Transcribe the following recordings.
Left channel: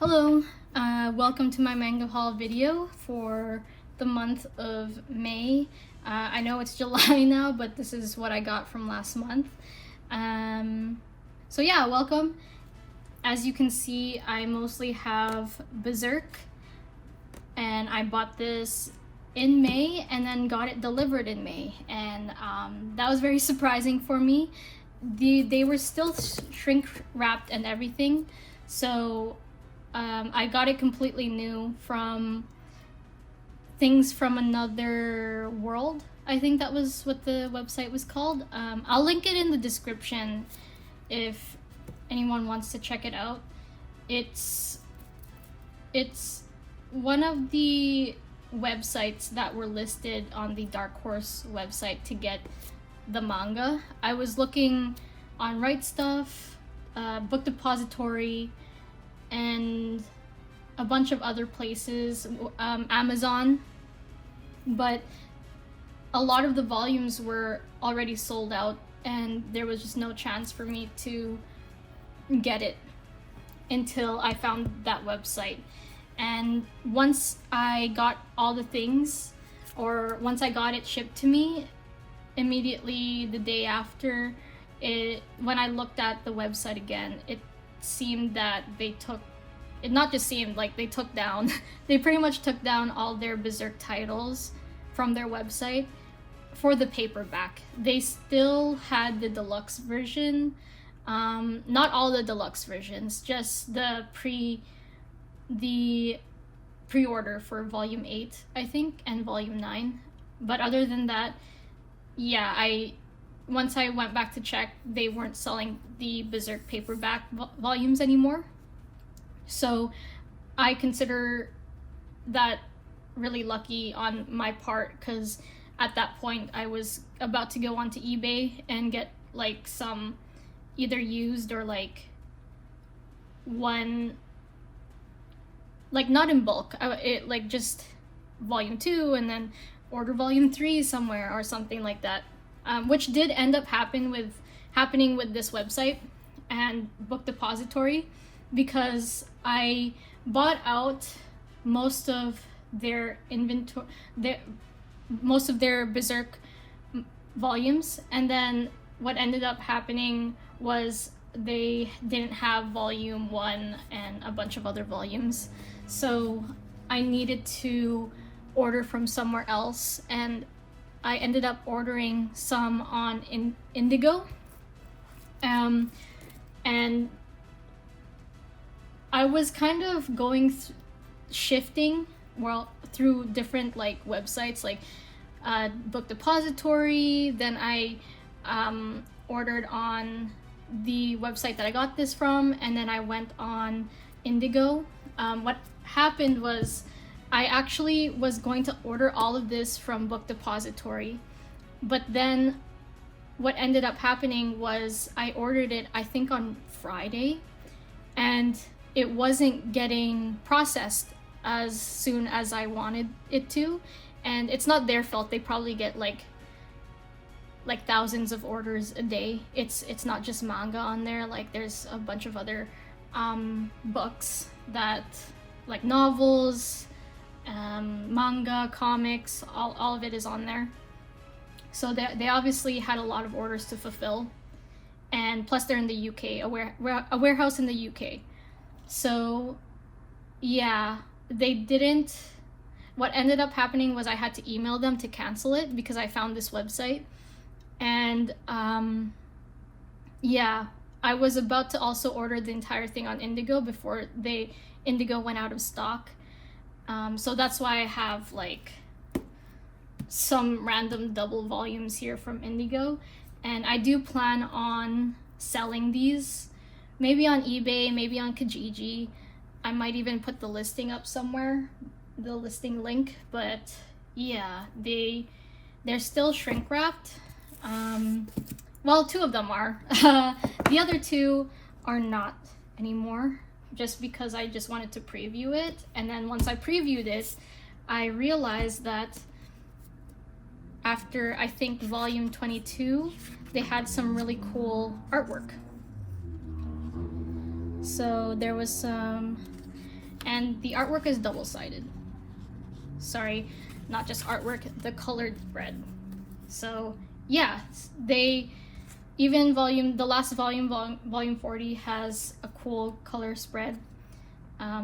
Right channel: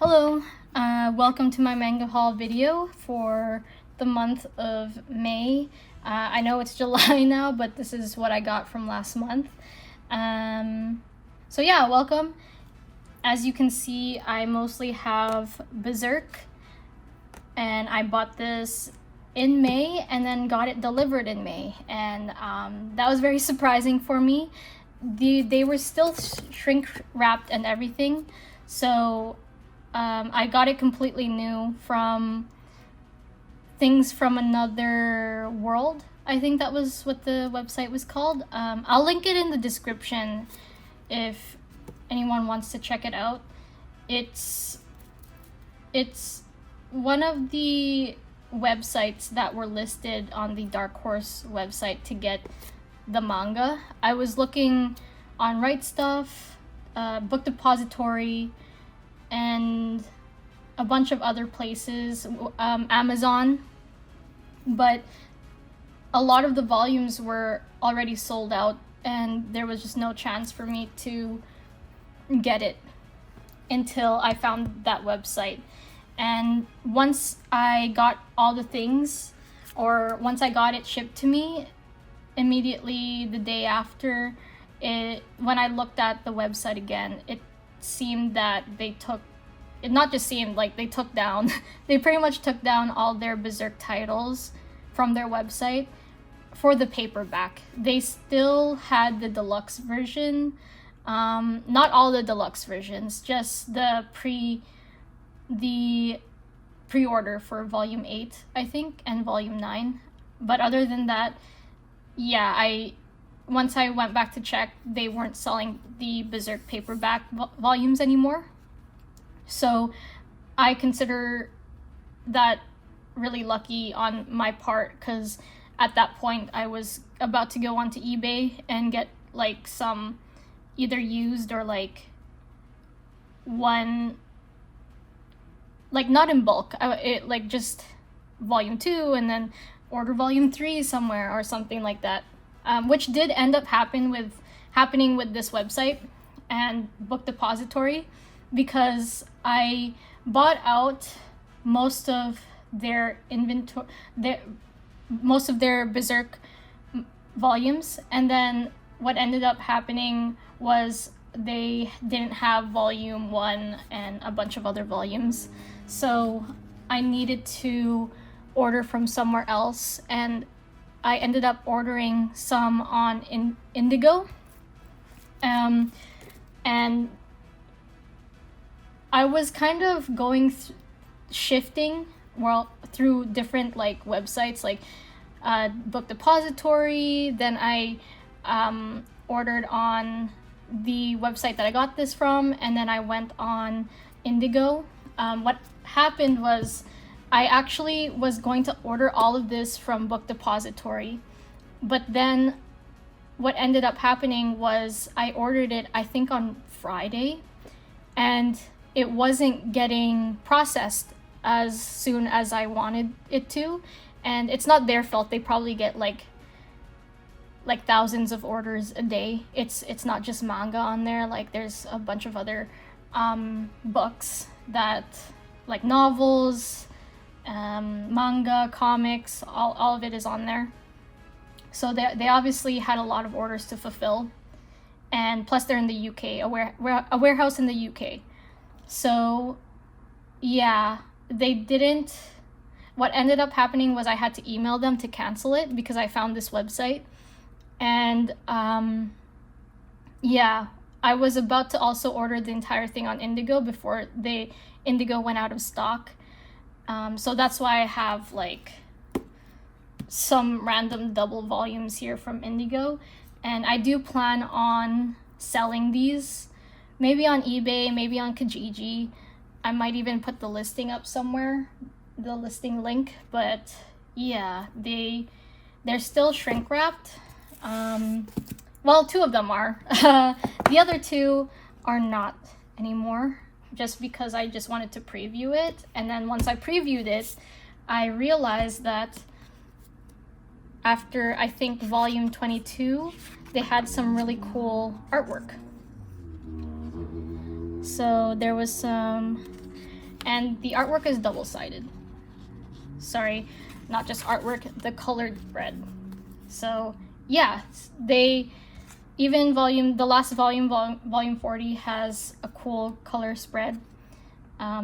Hello, welcome to my manga haul video for the month of May. I know it's July now, but this is what I got from last month. So yeah, welcome. As you can see, I mostly have Berserk, and I bought this in May and then got it delivered in May, and that was very surprising for me. They were still shrink wrapped and everything, so I got it completely new from Things from Another World. I think that was what the website was called. I'll link it in the description if anyone wants to check it out. It's one of the websites that were listed on the Dark Horse website to get the manga. I was looking on Right Stuff, Book Depository, and a bunch of other places, Amazon, but a lot of the volumes were already sold out and there was just no chance for me to get it until I found that website. And once I got all the things, or once I got it shipped to me, immediately the day after, when I looked at the website again, it seemed that they took, it not just seemed, like they took down, they pretty much took down all their Berserk titles from their website for the paperback. They still had the deluxe version, not all the deluxe versions, just the pre-order for volume 8, I think, and volume 9. But other than that, yeah, once I went back to check, they weren't selling the Berserk paperback volumes anymore. So I consider that really lucky on my part, because at that point I was about to go onto eBay and get like some either used or like one, like not in bulk, like just volume 2 and then order volume 3 somewhere or something like that. Which did end up happening with this website and Book Depository, because I bought out most of their inventory, most of their Berserk volumes, and then what ended up happening was they didn't have volume 1 and a bunch of other volumes, so I needed to order from somewhere else, and I ended up ordering some on Indigo, and I was kind of shifting through different like websites, like Book Depository. Then I ordered on the website that I got this from, and then I went on Indigo. What happened was, I actually was going to order all of this from Book Depository, but then what ended up happening was I ordered it, I think, on Friday, and it wasn't getting processed as soon as I wanted it to. And it's not their fault. They probably get like thousands of orders a day. It's not just manga on there. Like there's a bunch of other books, that like novels, manga, comics, all of it is on there. So they obviously had a lot of orders to fulfill, and plus they're in the UK, a warehouse in the UK. So yeah, they didn't. What ended up happening was I had to email them to cancel it because I found this website, and yeah, I was about to also order the entire thing on Indigo before Indigo went out of stock. So that's why I have like some random double volumes here from Indigo, and I do plan on selling these, maybe on eBay, maybe on Kijiji. I might even put the listing up somewhere, the listing link. But yeah, they're still shrink wrapped. Well, 2 of them are. The other 2 are not anymore, just because I just wanted to preview it. And then once I previewed it, I realized that after, I think, volume 22, they had some really cool artwork. So there was some and the artwork is double-sided. Sorry, not just artwork, the colored spread. So yeah, they even the last volume, volume 40, has a cool color spread,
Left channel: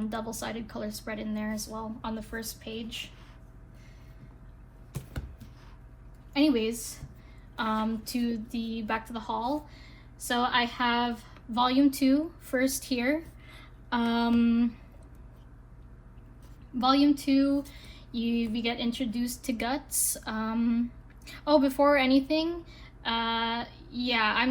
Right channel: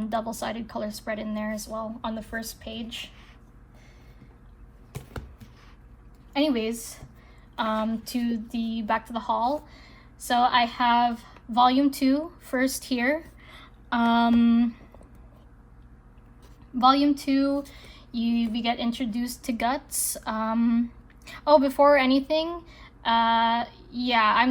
double-sided color spread in there as well on the first page. Anyways, back to the haul. So I have volume 2 first here. Volume 2, we get introduced to Guts. Oh, before anything, yeah,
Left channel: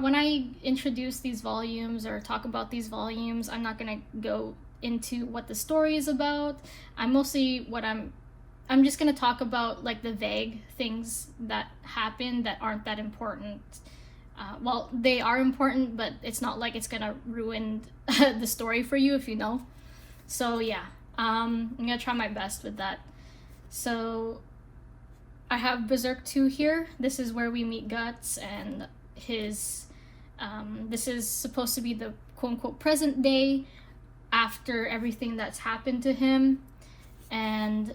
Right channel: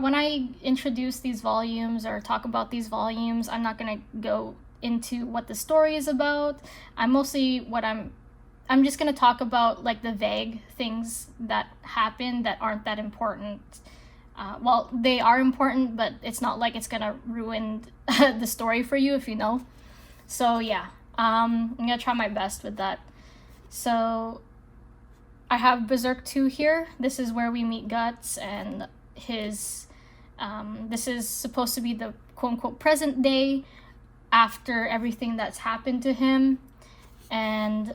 when I introduce these volumes or talk about these volumes, I'm not gonna go into what the story is about. I'm just gonna talk about like the vague things that happen that aren't that important. Well, they are important, but it's not like it's gonna ruin the story for you if you know. So yeah, I'm gonna try my best with that. So I have Berserk 2 here. This is where we meet Guts, and his this is supposed to be the quote-unquote present day after everything that's happened to him. And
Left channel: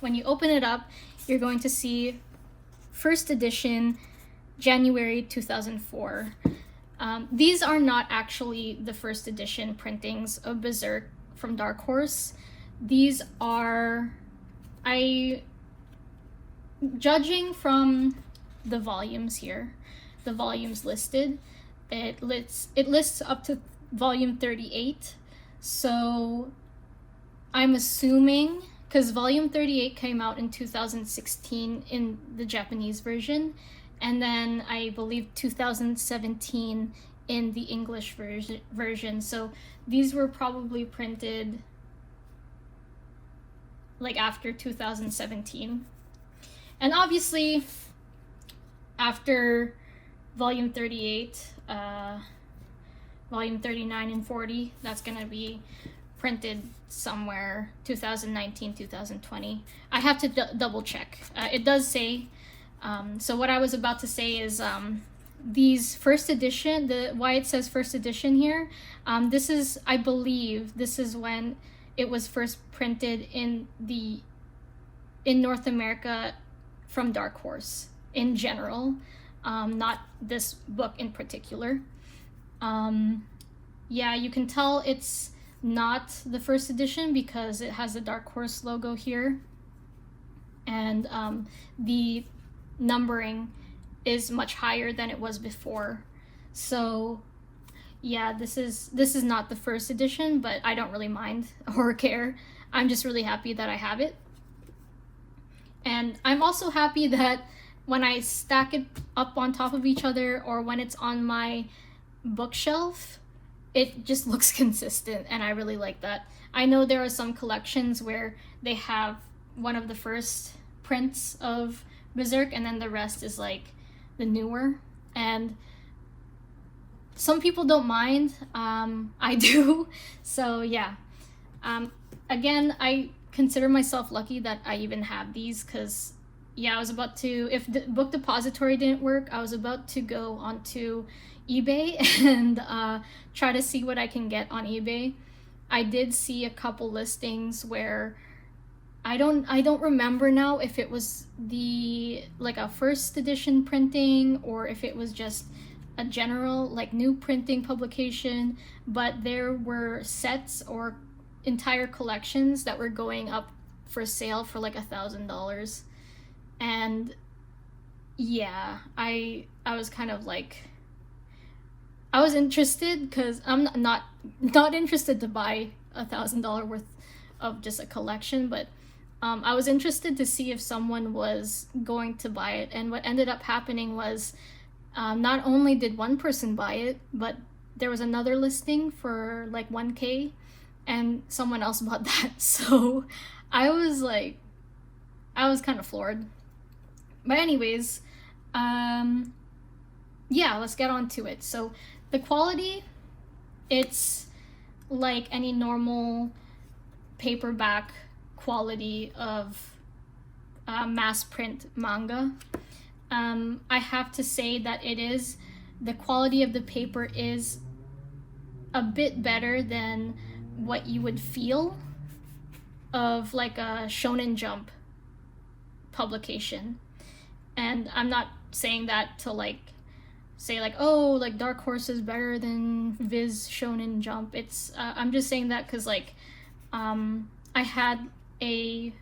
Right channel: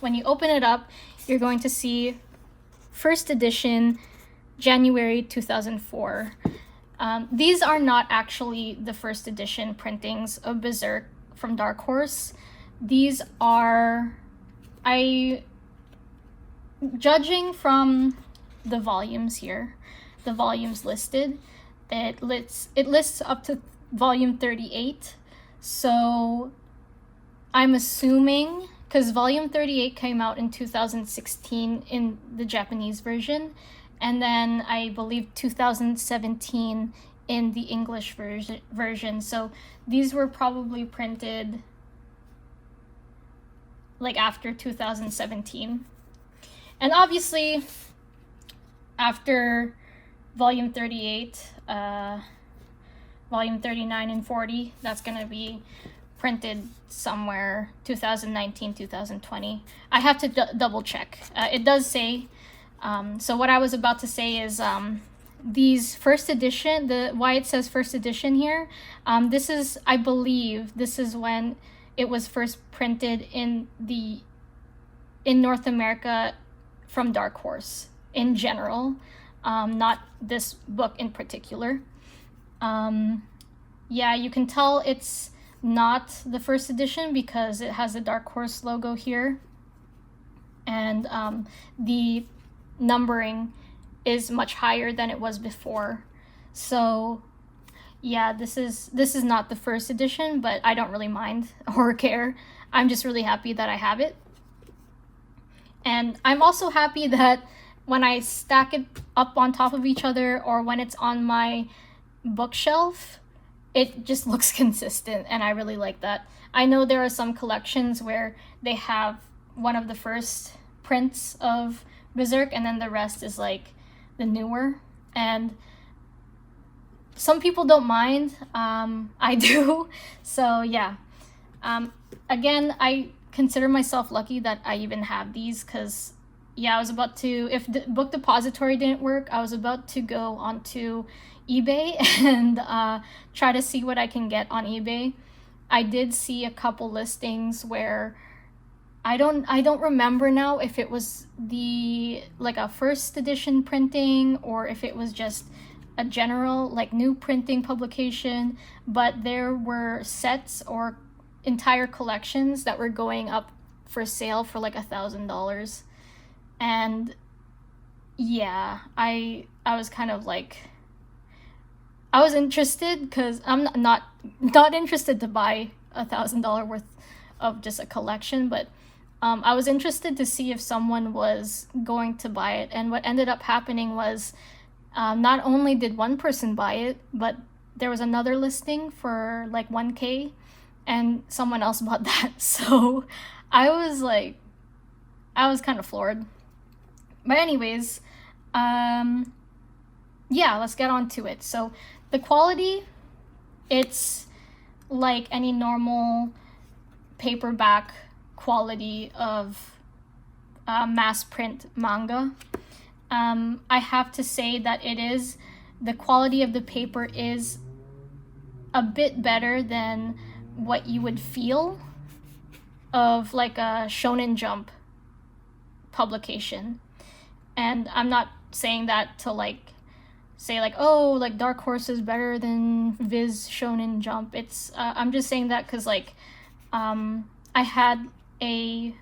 when you open it up, you're going to see first edition, January 2004. These are not actually the first edition printings of Berserk from Dark Horse. These are, judging from the volumes here, the volumes listed, it lists up to volume 38. So I'm assuming, because volume 38 came out in 2016 in the Japanese version, and then I believe 2017 in the English version. So these were probably printed like after 2017. And obviously after volume 38, volume 39 and 40, that's gonna be printed somewhere 2019, 2020. I have to double check. It does say, so what I was about to say is these first edition, why it says first edition here, this is, I believe, this is when it was first printed in North America from Dark Horse in general, not this book in particular. Yeah, you can tell it's not the first edition because it has the Dark Horse logo here, and the numbering is much higher than it was before. So yeah, this is not the first edition, but I don't really mind or care. I'm just really happy that I have it. And I'm also happy that when I stack it up on top of each other, or when it's on my bookshelf, it just looks consistent, and I really like that. I know there are some collections where they have one of the first prints of Berserk and then the rest is like the newer, and some people don't mind. I do. So yeah, again, I consider myself lucky that I even have these, because yeah, I was about to, if the book depository didn't work, I was about to go onto eBay and try to see what I can get on eBay. I did see a couple listings where I don't remember now if it was like a first edition printing or if it was just a general like new printing publication, but there were sets or entire collections that were going up for sale for like $1,000. And yeah, I was kind of like, I was interested because I'm not interested to buy $1,000 worth of just a collection, but I was interested to see if someone was going to buy it. And what ended up happening was not only did one person buy it, but there was another listing for like 1K and someone else bought that. So I was kind of floored. But anyways, yeah, let's get on to it. So the quality, it's like any normal paperback quality of mass print manga. I have to say that it is the quality of the paper is a bit better than what you would feel of like a Shonen Jump publication. And I'm not saying that to like say like, oh, like Dark Horse is better than Viz Shonen Jump. It's I'm just saying that because like I had a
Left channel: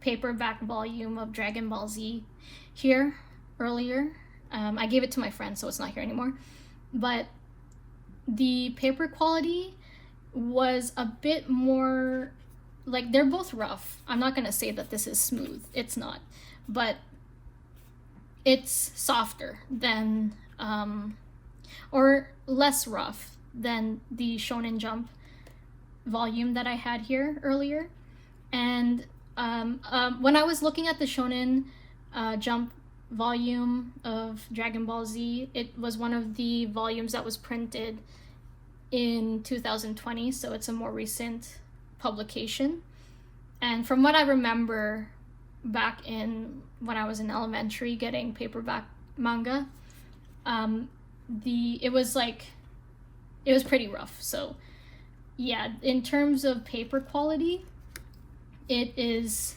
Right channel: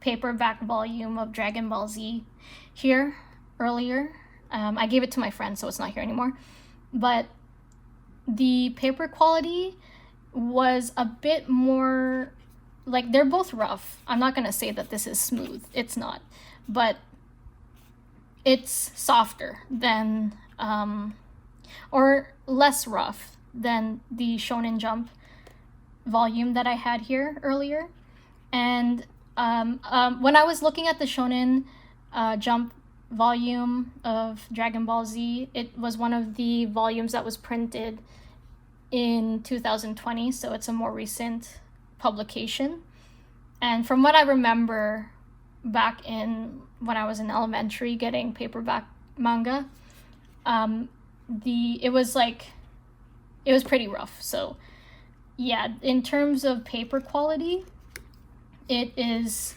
paperback volume of Dragon Ball Z here earlier. I gave it to my friend, so it's not here anymore. But the paper quality was a bit more, like, they're both rough. I'm not gonna say that this is smooth. It's not. But it's softer than, or less rough than the Shonen Jump volume that I had here earlier. And when I was looking at the Shonen Jump volume of Dragon Ball Z, it was one of the volumes that was printed in 2020, so it's a more recent publication. And from what I remember back in when I was in elementary getting paperback manga, it was pretty rough. So yeah, in terms of paper quality, it is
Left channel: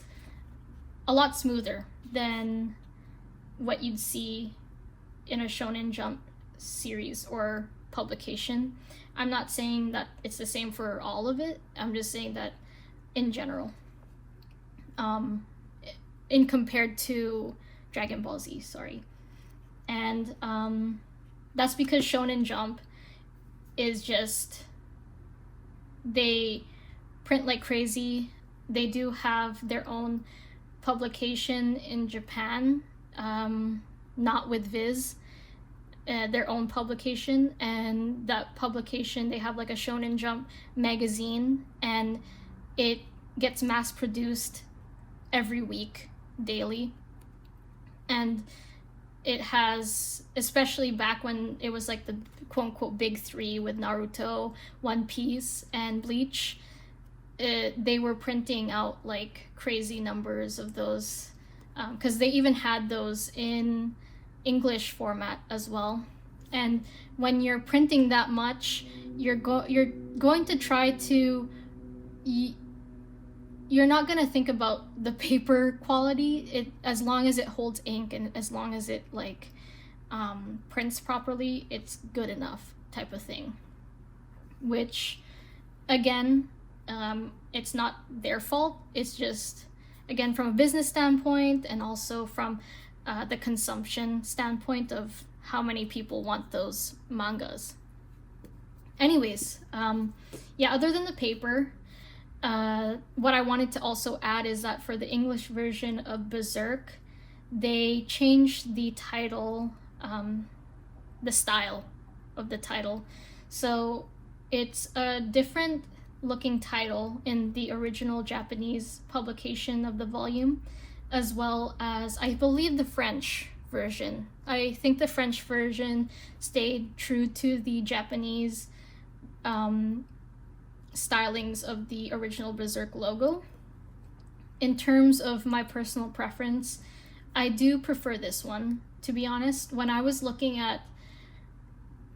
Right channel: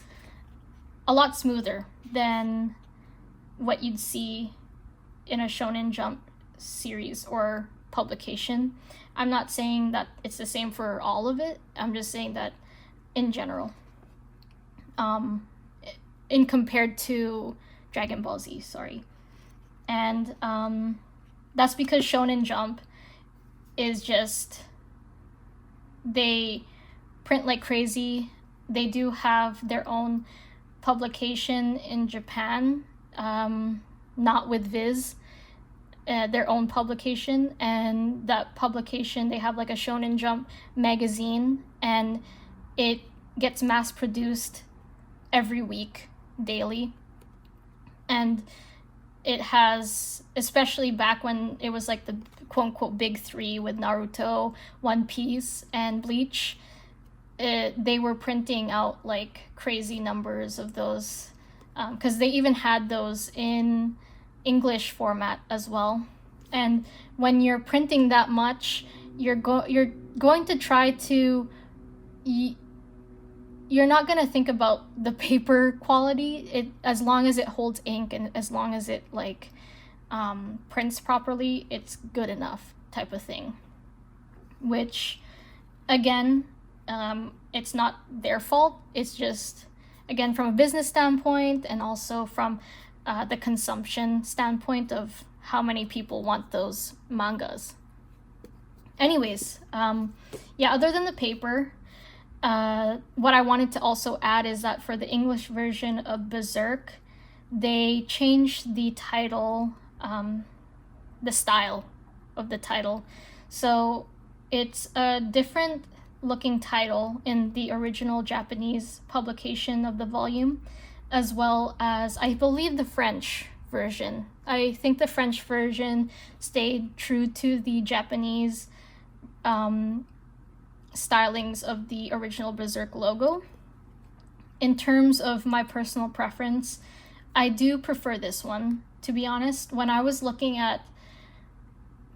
a lot smoother than what you'd see in a Shonen Jump series or publication. I'm not saying that it's the same for all of it. I'm just saying that in general, in compared to Dragon Ball Z, sorry. And that's because Shonen Jump is just, they print like crazy. They do have their own publication in Japan, not with Viz, their own publication. And that publication, they have like a Shonen Jump magazine, and it gets mass produced every week, daily. And it has, especially back when it was like the quote-unquote big three with Naruto, One Piece, and Bleach, they were printing out like crazy numbers of those, because they even had those in English format as well. And when you're printing that much, you're going to try to, you're not going to think about the paper quality, as long as it holds ink and as long as it like prints properly, it's good enough type of thing. Which, again, it's not their fault. It's just, again, from a business standpoint, and also from the consumption standpoint of how many people want those mangas. Anyways, yeah, other than the paper, what I wanted to also add is that for the English version of Berserk, they changed the title, the style of the title. So it's a different looking title in the original Japanese publication of the volume, as well as, I believe, the French version. I think the French version stayed true to the Japanese stylings of the original Berserk logo. In terms of my personal preference, I do prefer this one, to be honest. When I was looking at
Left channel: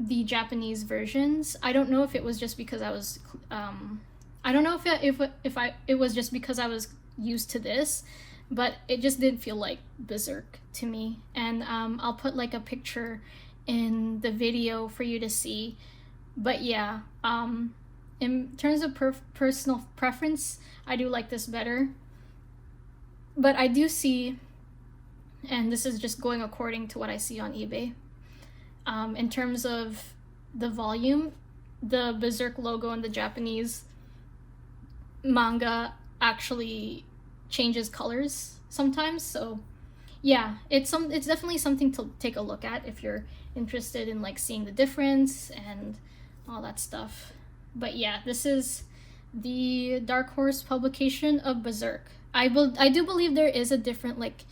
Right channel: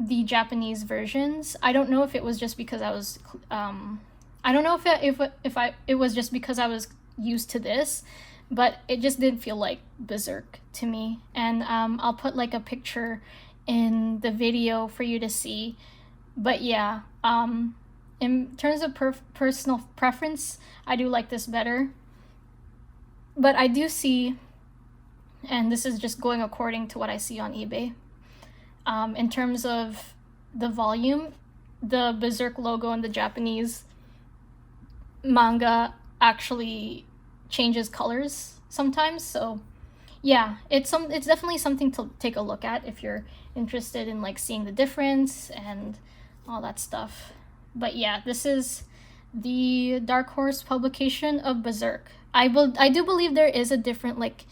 the Japanese versions, I don't know if it was just because I was I don't know if it was just because I was used to this, but it just didn't feel like Berserk to me. And I'll put like a picture in the video for you to see. But yeah, in terms of personal preference, I do like this better. But I do see, and this is just going according to what I see on eBay, in terms of the volume, the Berserk logo in the Japanese manga actually changes colors sometimes. So yeah, it's definitely something to take a look at if you're interested in like seeing the difference and all that stuff. But yeah, this is the Dark Horse publication of Berserk. I do believe there is a different like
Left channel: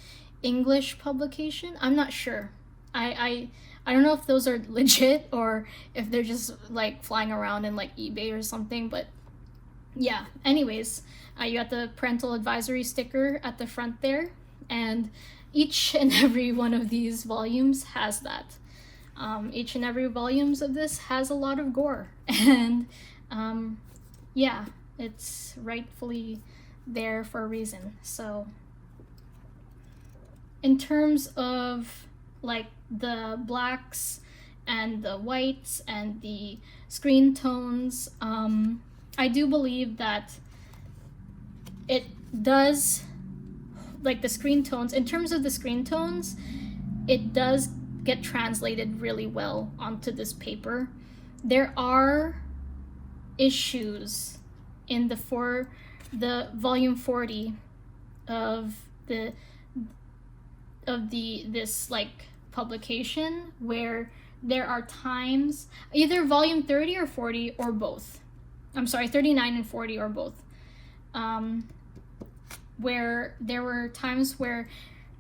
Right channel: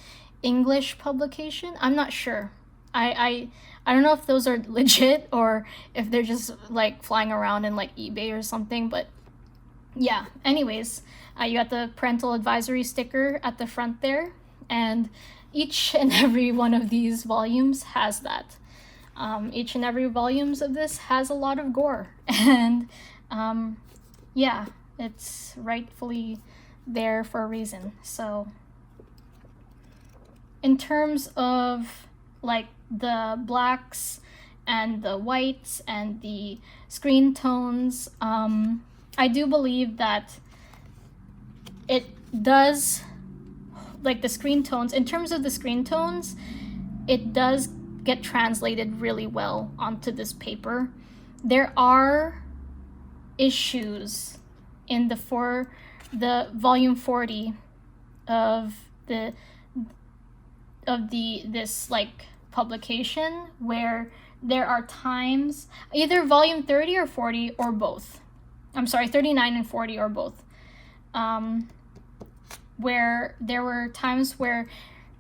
English publication. I'm not sure. I don't know if those are legit or if they're just like flying around in like eBay or something, but yeah. Anyways, you got the parental advisory sticker at the front there, and each and every one of these volumes has that. Each and every volumes of this has a lot of gore, and yeah, it's rightfully there for a reason. So in terms of like the blacks and the whites and the screen tones, I do believe that it does, like the screen tones, in terms of the screen tones, it does get translated really well onto this paper. There are issues in the volume 40 of this like publication where there are times, either volume 30 or 40 or both. I'm sorry, 39 and 40 or both. Where there were times where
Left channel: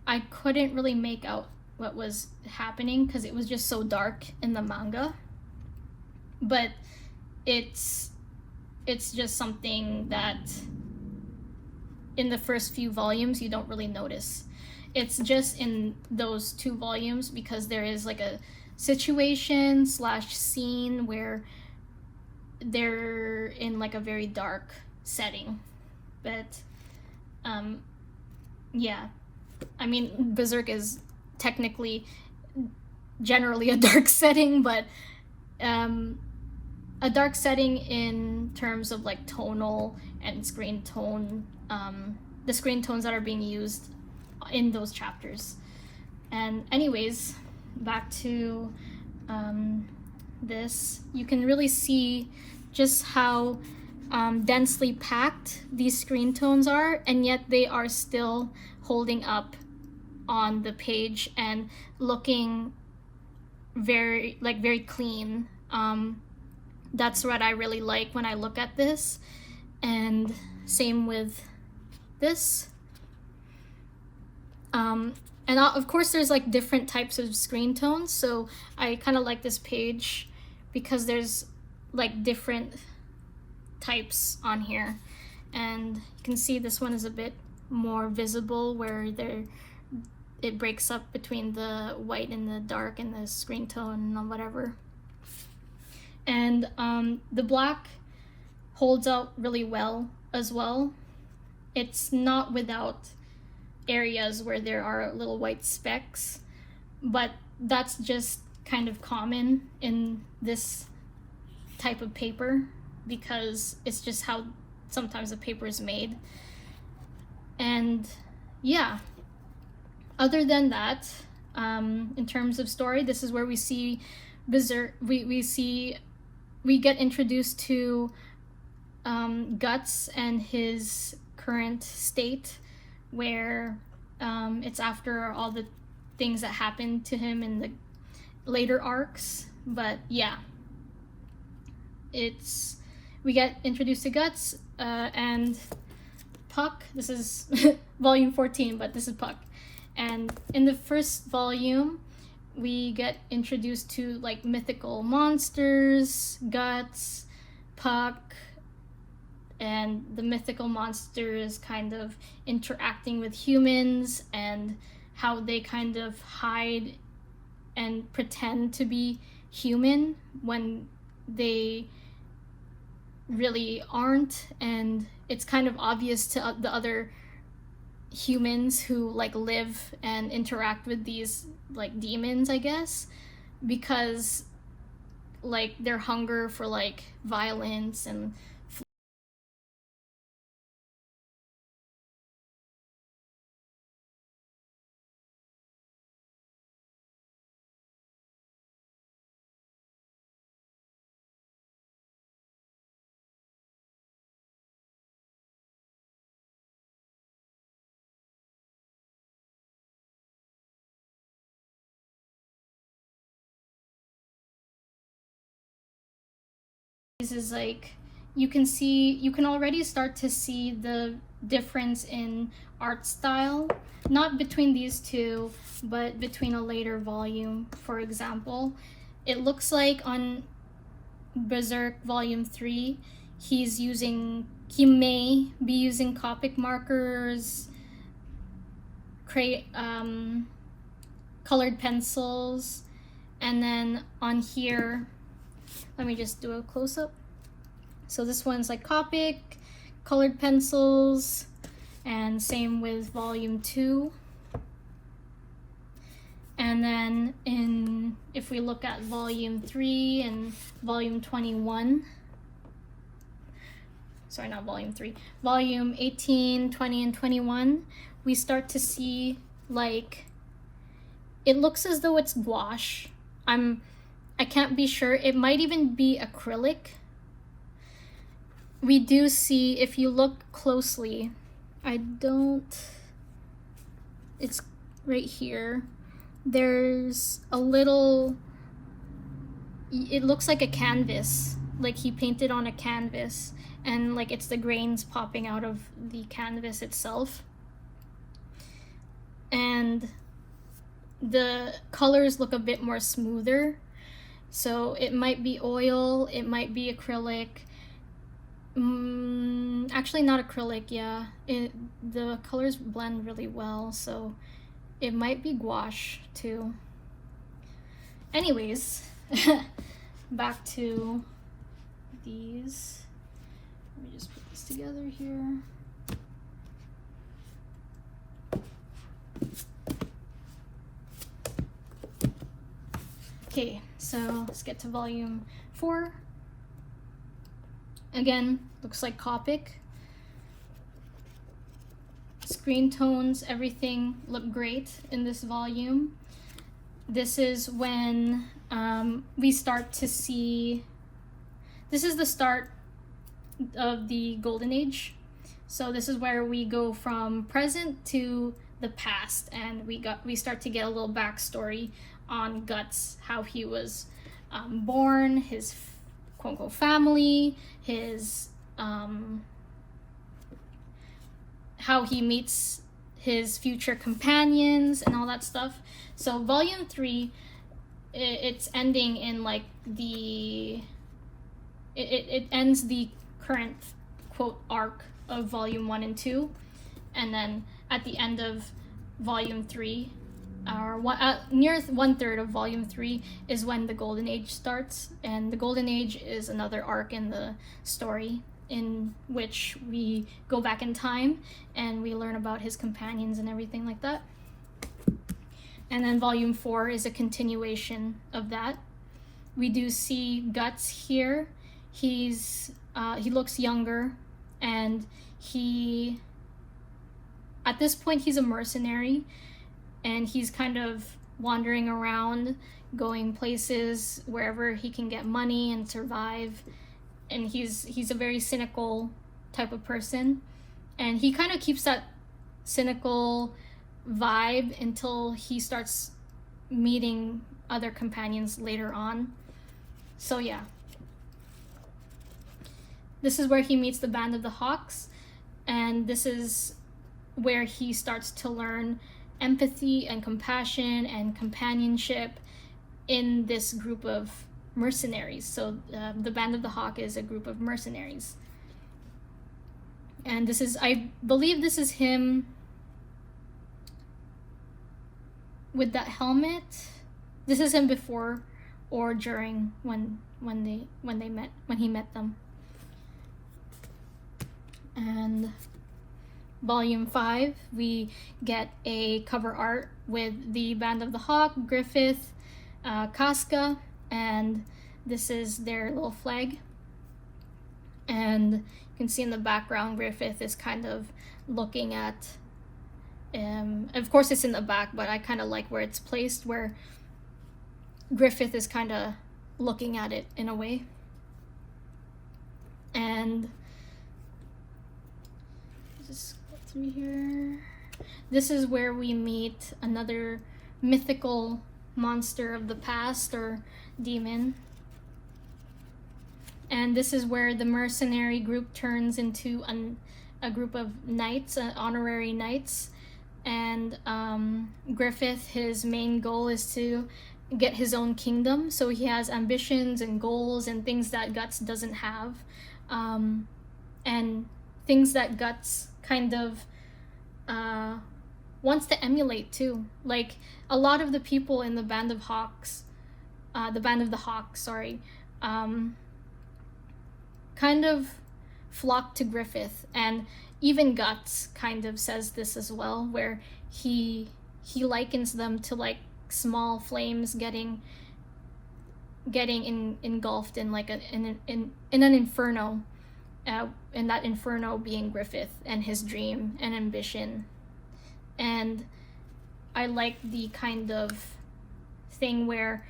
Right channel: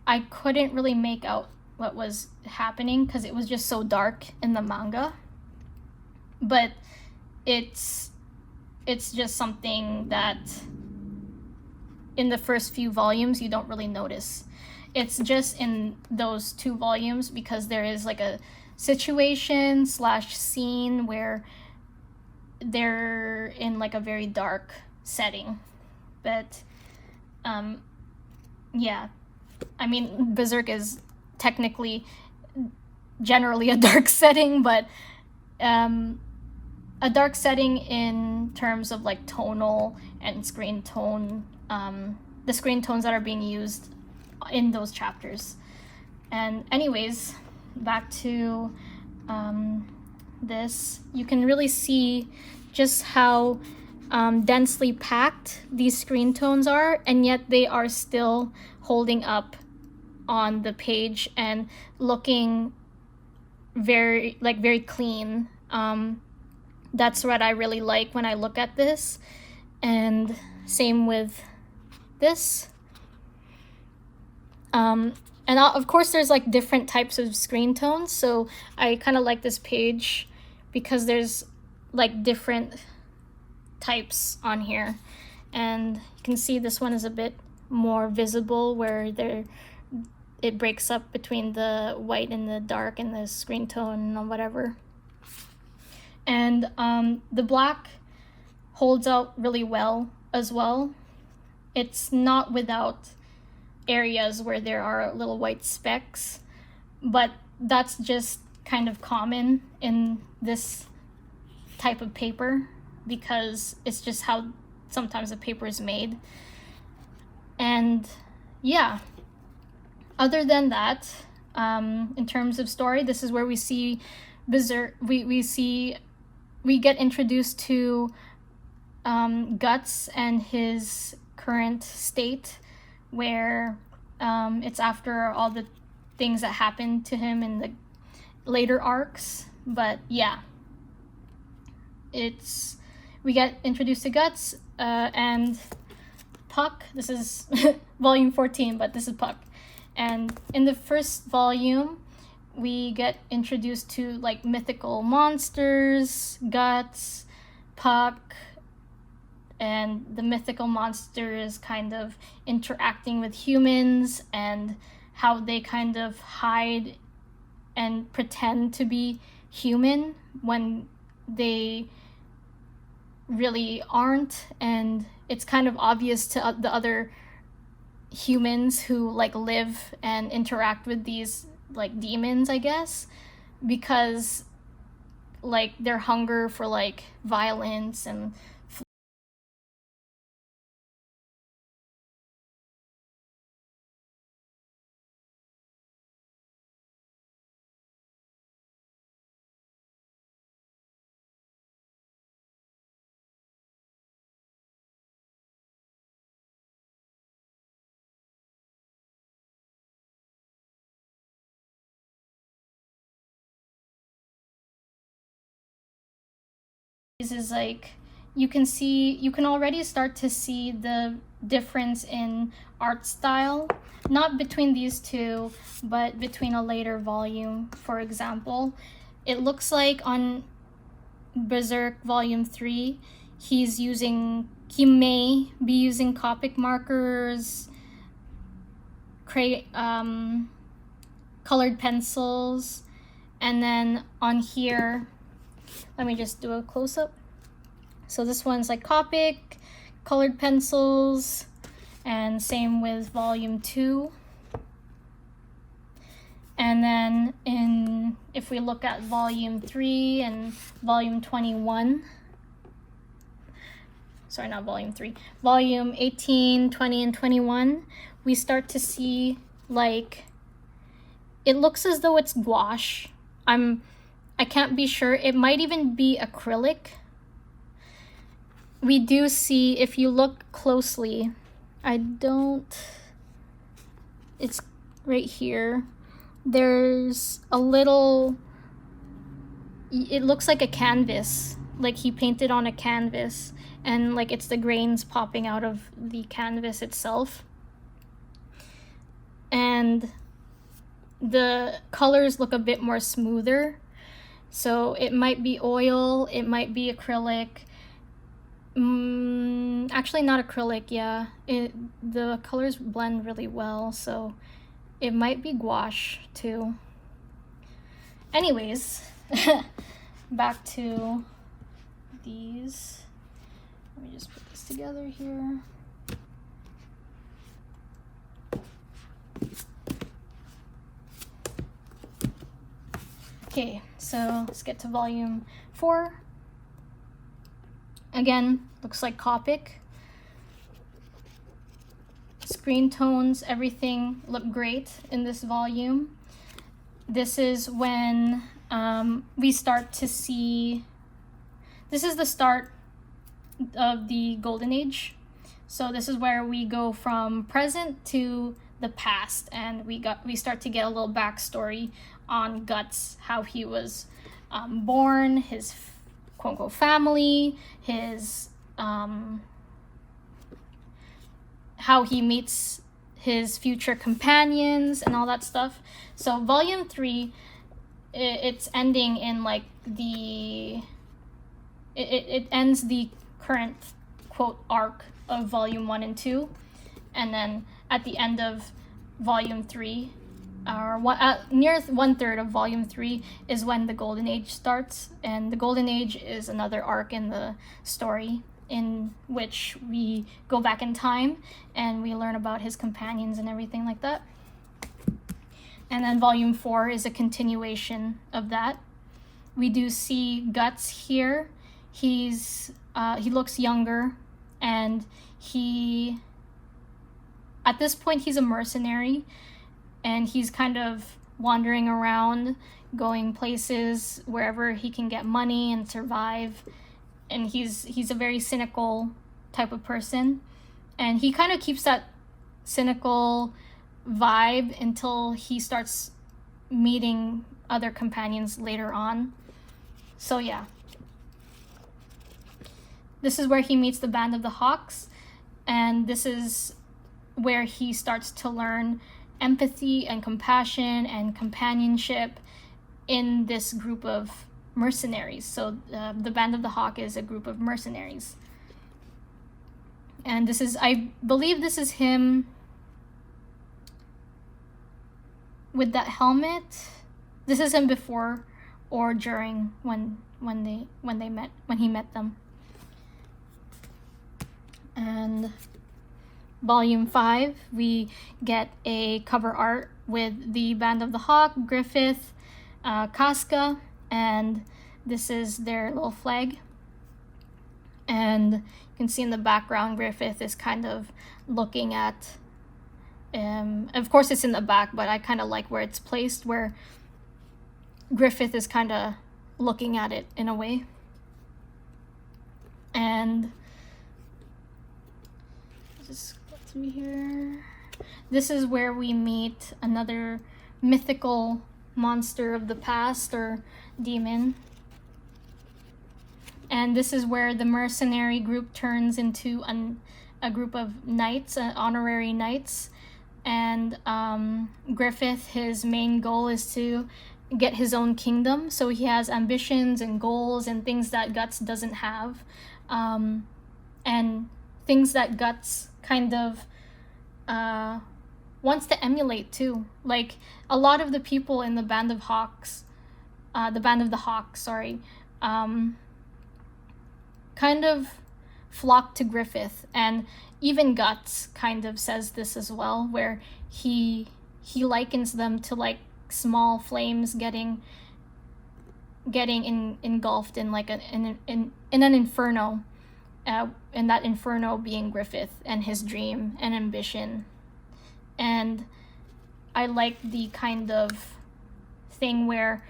I couldn't really make out what was happening because it was just so dark in the manga. But it's just something that in the first few volumes you don't really notice. It's just in those 2 volumes because there is like a situation / scene where they're in like a very dark setting. But yeah, I mean, Berserk is technically generally a dark setting, but a dark setting in terms of like tonal and screen tone, the screen tones that are being used in those chapters. And anyways, back to this, you can really see just how densely packed these screen tones are, and yet they are still holding up on the page and looking very clean. That's what I really like when I look at this. And same with this. And of course there's like different types of screen tones, so I kind of like this page because there's like different types on here. And you can see this one is a bit more visible where it breaks up between the white and the dark and the screen tone or whatever. And the black holds out really well as well. It's not without areas where there are little white specks, but that's just kind of common in this type of paper because it's just how sometimes the paper is made. And yeah, other than that, in terms of story, this is where we see Berserk. We get introduced to Guts and his current state, where it's after all the things that happened to him in the later arcs. But yeah, we get introduced to Guts and Puck. This is volume 14, but this is Puck. And in the first volume, we get introduced to like mythical monsters, Guts, Puck, and the mythical monsters kind of interacting with humans and how they kind of hide and pretend to be human when they really aren't. And it's kind of obvious to the other humans who like live and interact with these like demons, I guess, because like their hunger for like violence and is like you can already start to see the difference in art style, not between these two, but between a later volume. For example, it looks like on Berserk volume 3 he may be using Copic markers, colored pencils, And then on here, let me just do a close-up. So this one's like Copic, colored pencils, and same with volume 2. And then if we look at volume 3 and volume 21, sorry, not volume 3, volume 18, 20, and 21, we start to see, like, it looks as though it's gouache. I can't be sure. It might even be acrylic. We do see, if you look closely, it's right here. There's a little, it looks like a canvas, like he painted on a canvas, and like it's the grains popping out of the canvas itself. And the colors look a bit more smoother. So it might be oil, it might be acrylic. Actually not acrylic, yeah. The colors blend really well, so it might be gouache too. Anyways, back to these. Let me just put this together here. Okay, so let's get to volume 4. Again, looks like Copic. Screentones, everything look great in this volume. This is when we start to see, this is the start of the Golden Age. So this is where we go from present to the past, and we start to get a little backstory on Guts, how he was born, his quote-unquote family, his how he meets his future companions and all that stuff. So volume 3, it's ending in like it ends the current quote arc of volume 1 and 2, and then at the end of volume 3, or near 1/3 of volume 3, is when the Golden Age starts. And the Golden Age is another arc in the story in which we go back in time and we learn about his companions and everything like that. And then volume 4 is a continuation of that. We do see Guts here. He looks younger, and at this point he's a mercenary, and he's kind of wandering around, going places wherever he can get money and survive. And he's a very cynical type of person, and he kind of keeps that cynical vibe until he starts meeting other companions later on. So yeah, this is where he meets the Band of the Hawks, and this is where he starts to learn empathy and compassion and companionship in this group of mercenaries. So the Band of the Hawk is a group of mercenaries, and this is, I believe this is him with that helmet. This is him before or during when he met them. And volume 5, we get a cover art with the Band of the Hawk, Griffith, Casca, and this is their little flag. And you can see in the background, Griffith is kind of looking at, of course it's in the back, but I kind of like where it's placed, where Griffith is kind of looking at it in a way. And just go through here. This is where we meet another mythical monster of the past, or demon. And this is where the mercenary group turns into a group of knights, honorary knights. And Griffith, his main goal is to get his own kingdom. So he has ambitions and goals and things that Guts doesn't have. And things that Guts kind of wants to emulate too. Like, a lot of the people in the Band of Hawks the Band of the Hawk, sorry, kind of flocked to Griffith, and even Guts kind of says this as well, where he likens them to like small flames getting engulfed in like in an inferno, and that inferno being Griffith and his dream and ambition. And I like the kind of thing where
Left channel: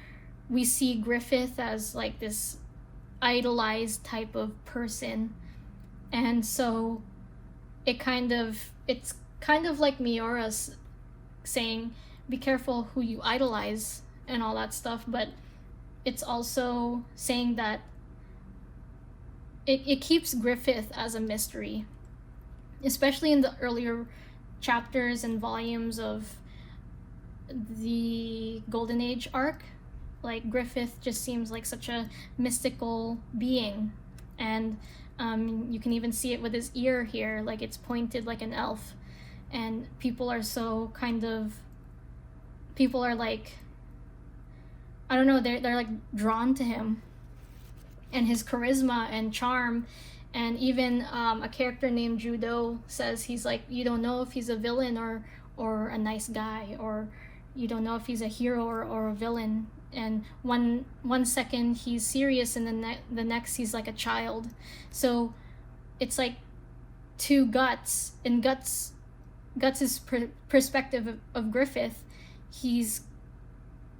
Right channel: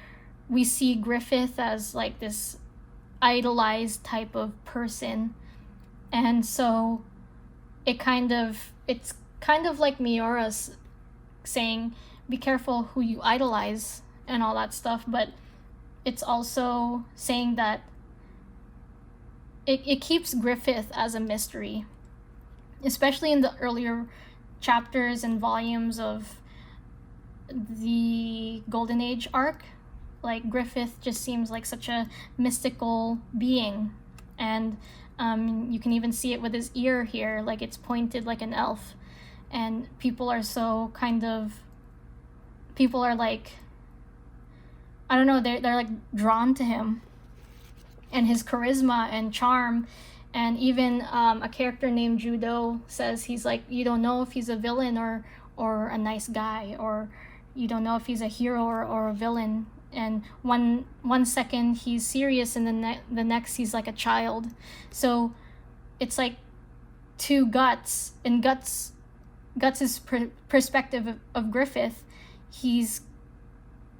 we see Griffith as like this idolized type of person, and so it's kind of like Miora's saying, be careful who you idolize and all that stuff, but it's also saying that it keeps Griffith as a mystery, especially in the earlier chapters and volumes of the Golden Age arc. Like, Griffith just seems like such a mystical being, and you can even see it with his ear here, like it's pointed like an elf, and people are like, I don't know, they're like drawn to him and his charisma and charm. And even a character named Judo says he's like, you don't know if he's a villain or a nice guy, or you don't know if he's a hero or a villain. And one second he's serious, and the next he's like a child. So it's like to Guts, and Guts's perspective of Griffith,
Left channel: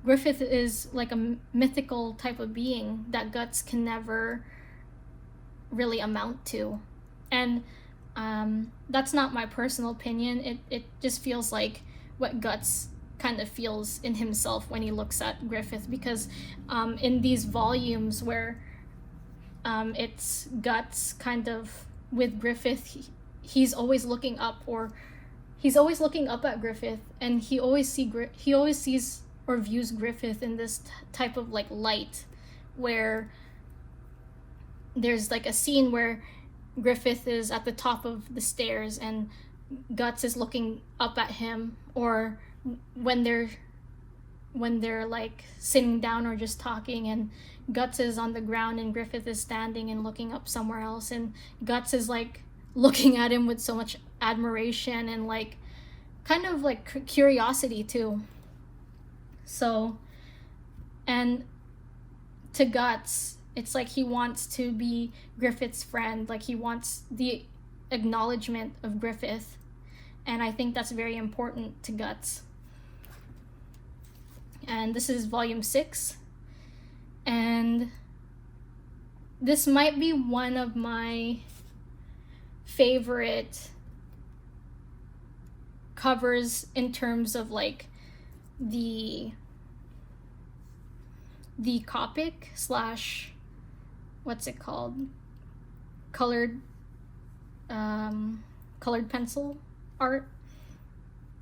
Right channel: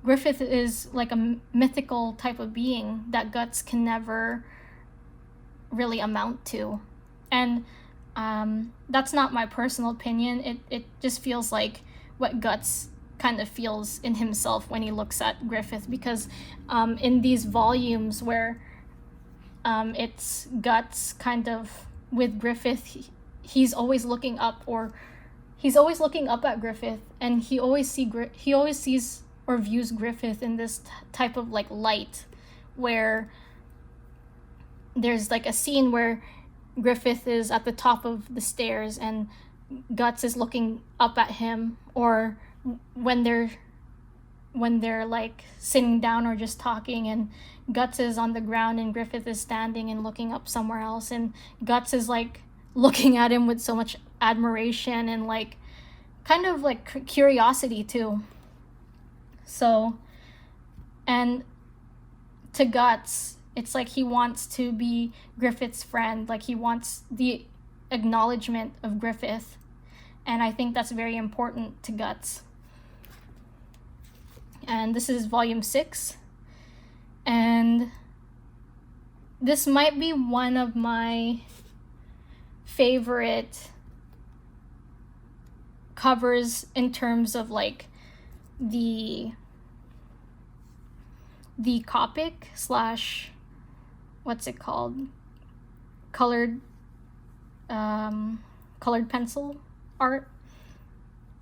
Griffith is like a mythical type of being that Guts can never really amount to. And that's not my personal opinion. It just feels like what Guts kind of feels in himself when he looks at Griffith, because in these volumes where it's Guts kind of with Griffith, he's always looking up at Griffith, and he always sees or views Griffith in this type of like light, where there's like a scene where Griffith is at the top of the stairs and Guts is looking up at him, or when they're like sitting down or just talking, and Guts is on the ground and Griffith is standing and looking up somewhere else, and Guts is like looking at him with so much admiration and like kind of like curiosity too. So, and to Guts, it's like he wants to be Griffith's friend, like he wants the acknowledgement of Griffith, and I think that's very important to Guts. And this is volume 6, and this might be one of my favorite covers in terms of like the Copic slash, what's it called, colored pencil art.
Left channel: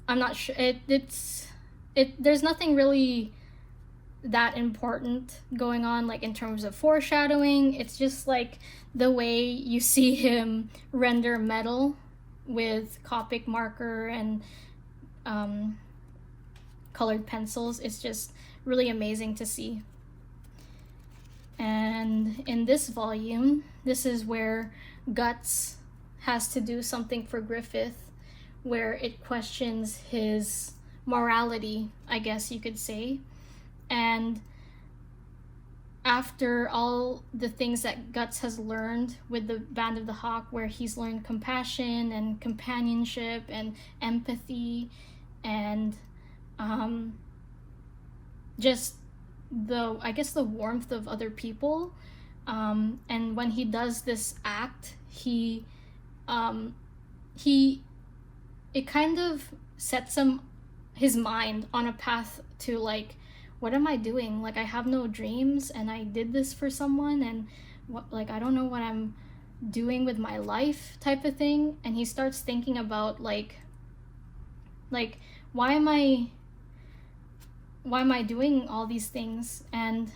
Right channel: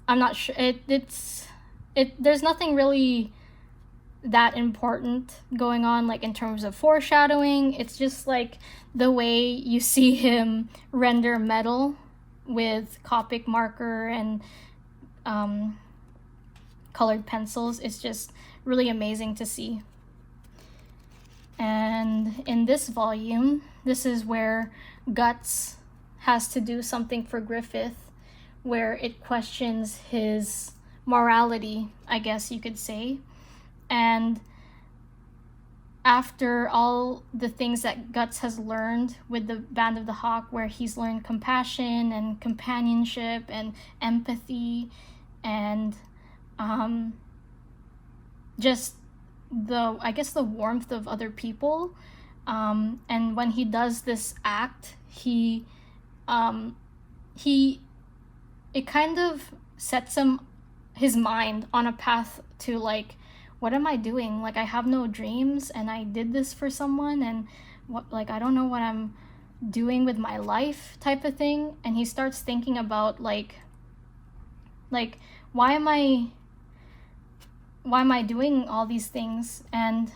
I'm not sure. There's nothing really that important going on, like in terms of foreshadowing. It's just like the way you see him render metal with Copic marker and colored pencils. It's just really amazing to see. And in this volume, this is where Guts has to do something for Griffith, where it questions his morality, I guess you could say. And after all the things that Guts has learned with the Band of the Hawk, where he's learned compassion and companionship and empathy and just the warmth of other people, and when he does this act, it kind of sets his mind on a path to like, what am I doing? Like, I have no dreams, and I did this for someone, and what, like, I don't know what I'm doing with my life, type of thing. And he starts thinking about like why am I doing all these things? And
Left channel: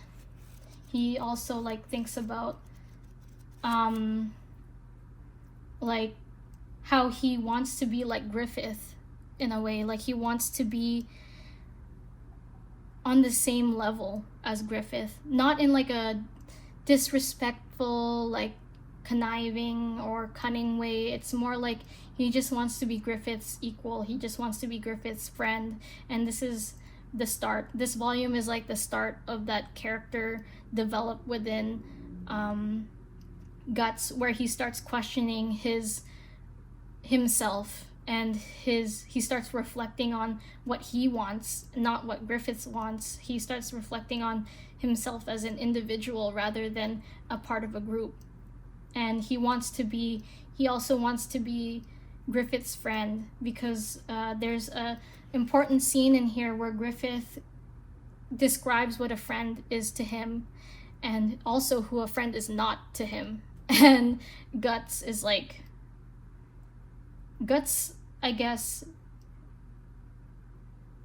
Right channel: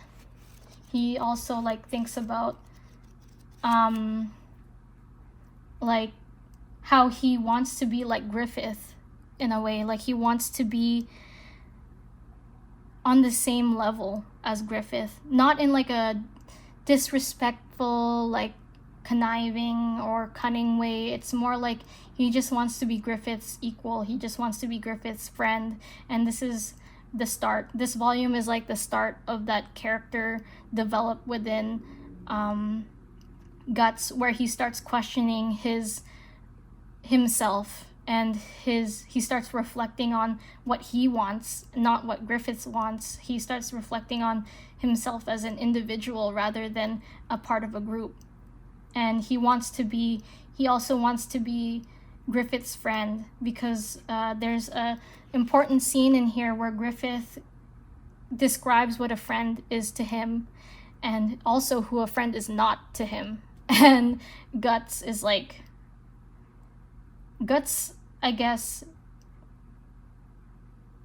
he also like thinks about like how he wants to be like Griffith in a way, like he wants to be on the same level as Griffith, not in like a disrespectful, like conniving or cunning way. It's more like he just wants to be Griffith's equal. He just wants to be Griffith's friend. And this is the start. This volume is like the start of that character developed within Guts, where he starts questioning himself, and he starts reflecting on what he wants, not what Griffith wants. He starts reflecting on himself as an individual rather than a part of a group. And he also wants to be Griffith's friend, because there's a important scene in here where Griffith describes what a friend is to him, and also who a friend is not to him. And Guts, I guess,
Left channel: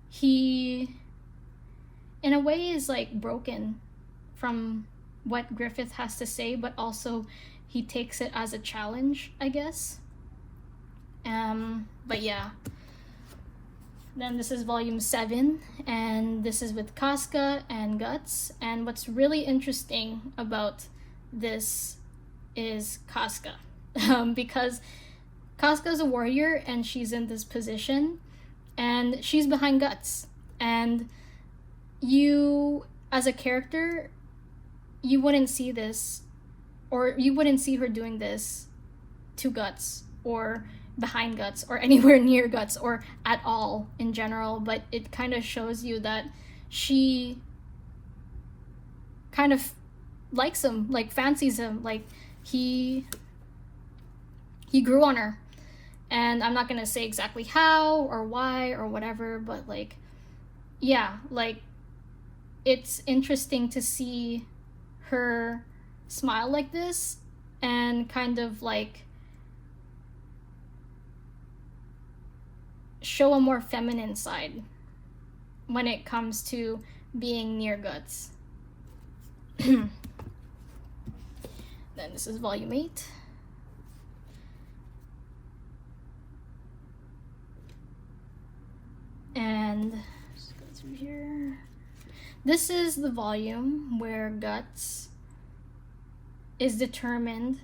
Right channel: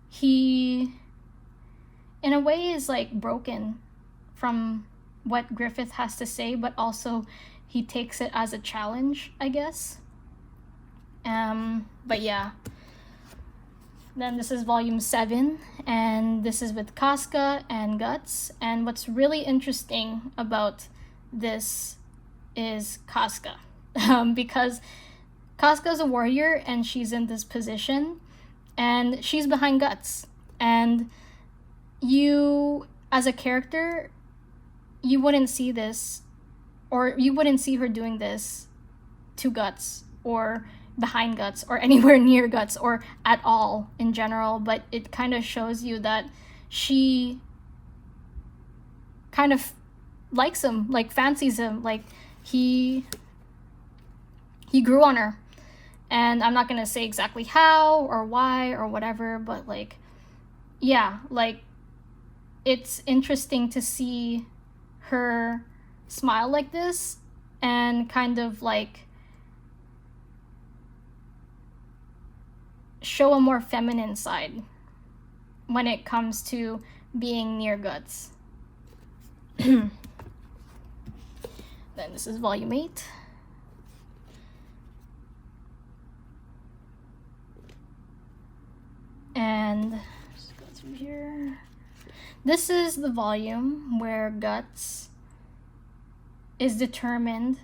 he in a way is like broken from what Griffith has to say, but also he takes it as a challenge, I guess. But yeah. Then this is volume 7, and this is with Casca and Guts. And what's really interesting about this is Casca, because Casca's a warrior and she's in this position, and she's behind Guts. And you, as a character, you wouldn't see this, or you wouldn't see her doing this to Guts, or behind Guts, or anywhere near Guts, or at all in general. But it kind of shows you that she kind of likes him, like fancies him, like he grew on her. And I'm not gonna say exactly how or why or whatever, but like, yeah, like it's interesting to see her smile like this and kind of like show a more feminine side when it comes to being near Guts. Then this is volume 8. And just go through here. This is the volume where Guts is determined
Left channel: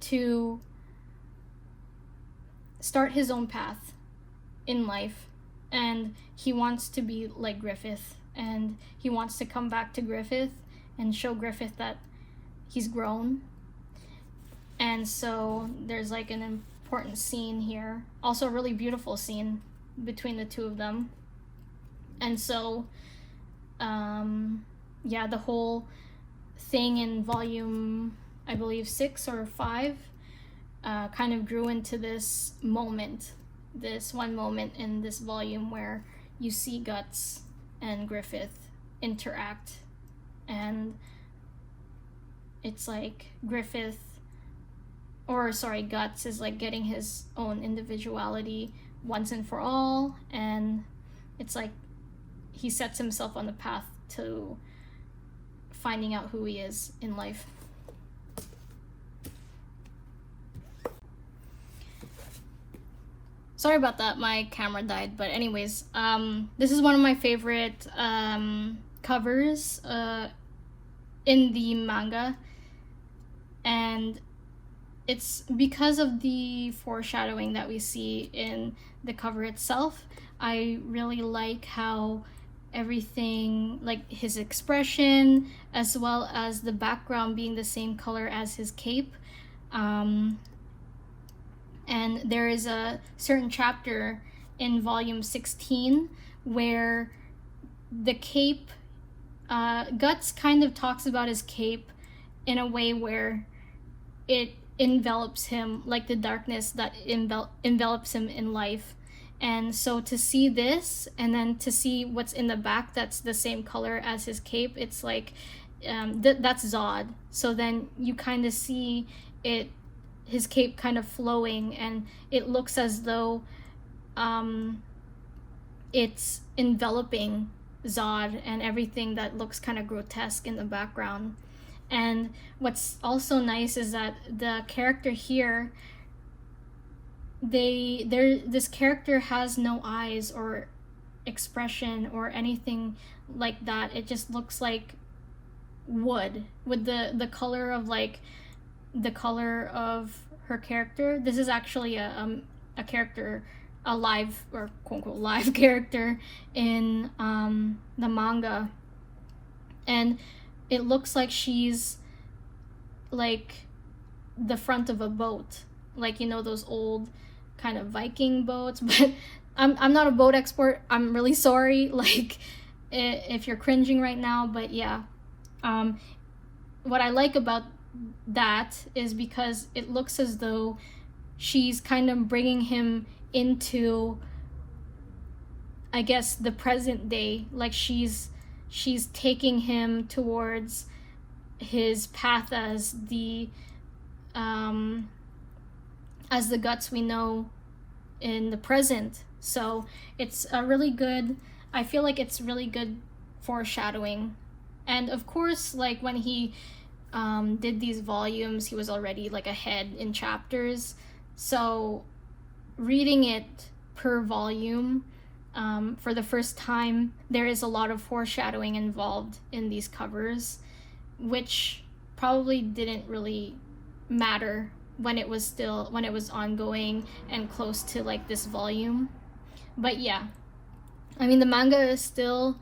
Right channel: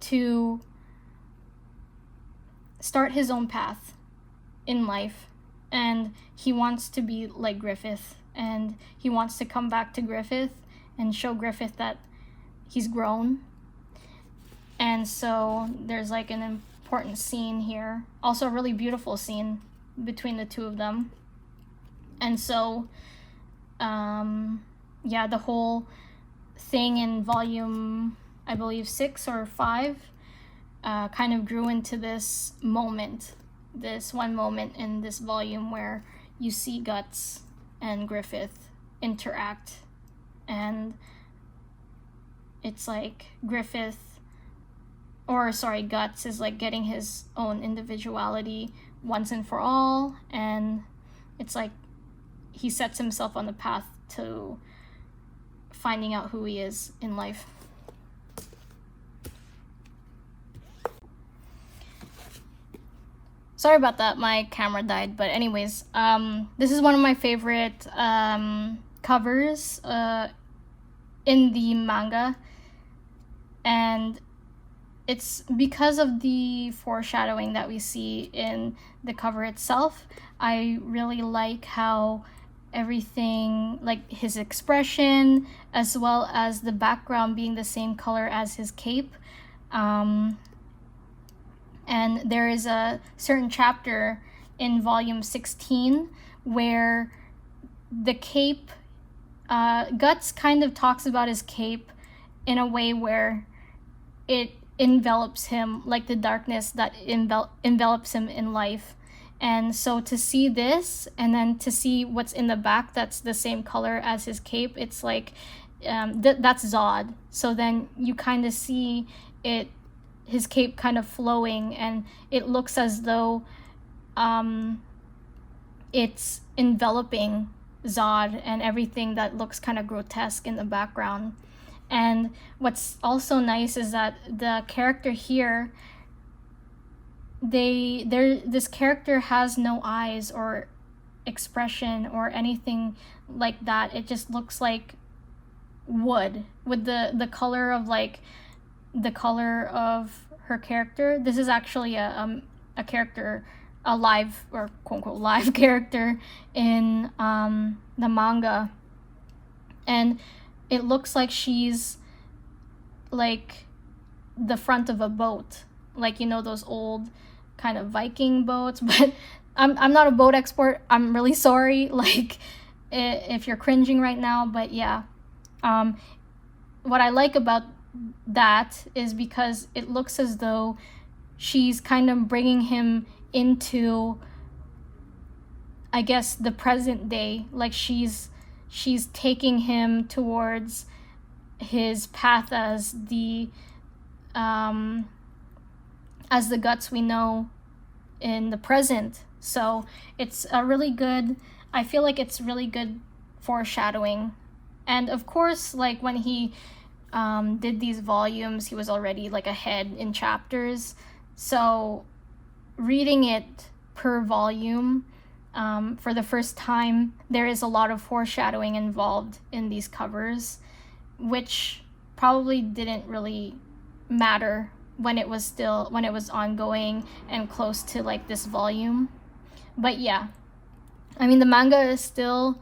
to start his own path in life, and he wants to be like Griffith, and he wants to come back to Griffith and show Griffith that he's grown. And so there's like an important scene here, also a really beautiful scene between the two of them. And so yeah, the whole thing in volume, I believe 6 or 5, kind of grew into this moment, this one moment in this volume where you see Guts and Griffith interact, and it's like Guts is like getting his own individuality once and for all, and it's like he sets himself on the path to finding out who he is in life. Sorry about that, my camera died, but anyways, this is one of my favorite covers in the manga, and it's because of the foreshadowing that we see in the cover itself. I really like how everything, like his expression, as well as the background being the same color as his cape. And there is a certain chapter in volume 16 where the cape, Guts kind of talks about his cape in a way where it envelops him, like the darkness that envelops him in life. And so to see this, and then to see what's in the back that's the same color as his cape, it's like, that's Zod. So then you kind of see it, his cape kind of flowing, and it looks as though it's enveloping Zod and everything that looks kind of grotesque in the background. And what's also nice is that the character here, this character has no eyes, or expression or anything like that. It just looks like wood with the color of like the color of her character. This is actually a character, a live or quote unquote live character in the manga, and it looks like she's like the front of a boat, like, you know, those old kind of Viking boats. But I'm not a boat expert, I'm really sorry, like, if you're cringing right now. But yeah, what I like about that is because it looks as though she's kind of bringing him into, I guess, the present day. Like she's taking him towards his path as the guts we know in the present. So it's a really good, I feel like it's really good foreshadowing. And of course, like when he did these volumes, he was already like ahead in chapters. So reading it per volume for the first time, there is a lot of foreshadowing involved in these covers, which probably didn't really matter when it was ongoing and close to like this volume. But yeah, I mean, the manga is still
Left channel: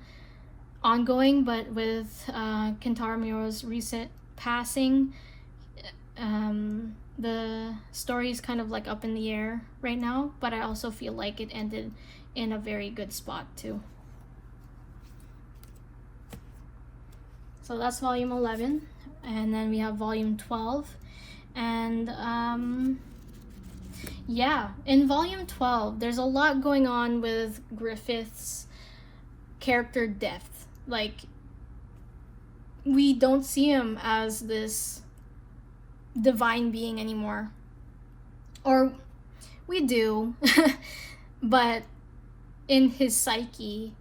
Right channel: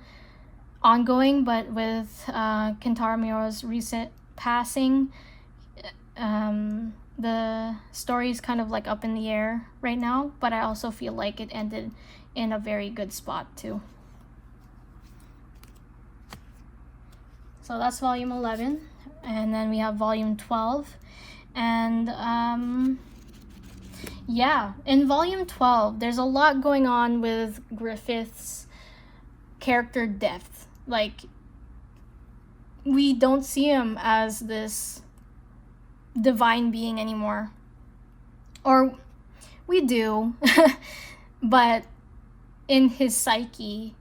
ongoing, but with Kentaro Miura's recent passing, the story is kind of like up in the air right now, but I also feel like it ended in a very good spot too. So that's volume 11, and then we have volume 12. And yeah, in volume 12 there's a lot going on with Griffith's character depth. Like, we don't see him as this divine being anymore, or we do, but in his psyche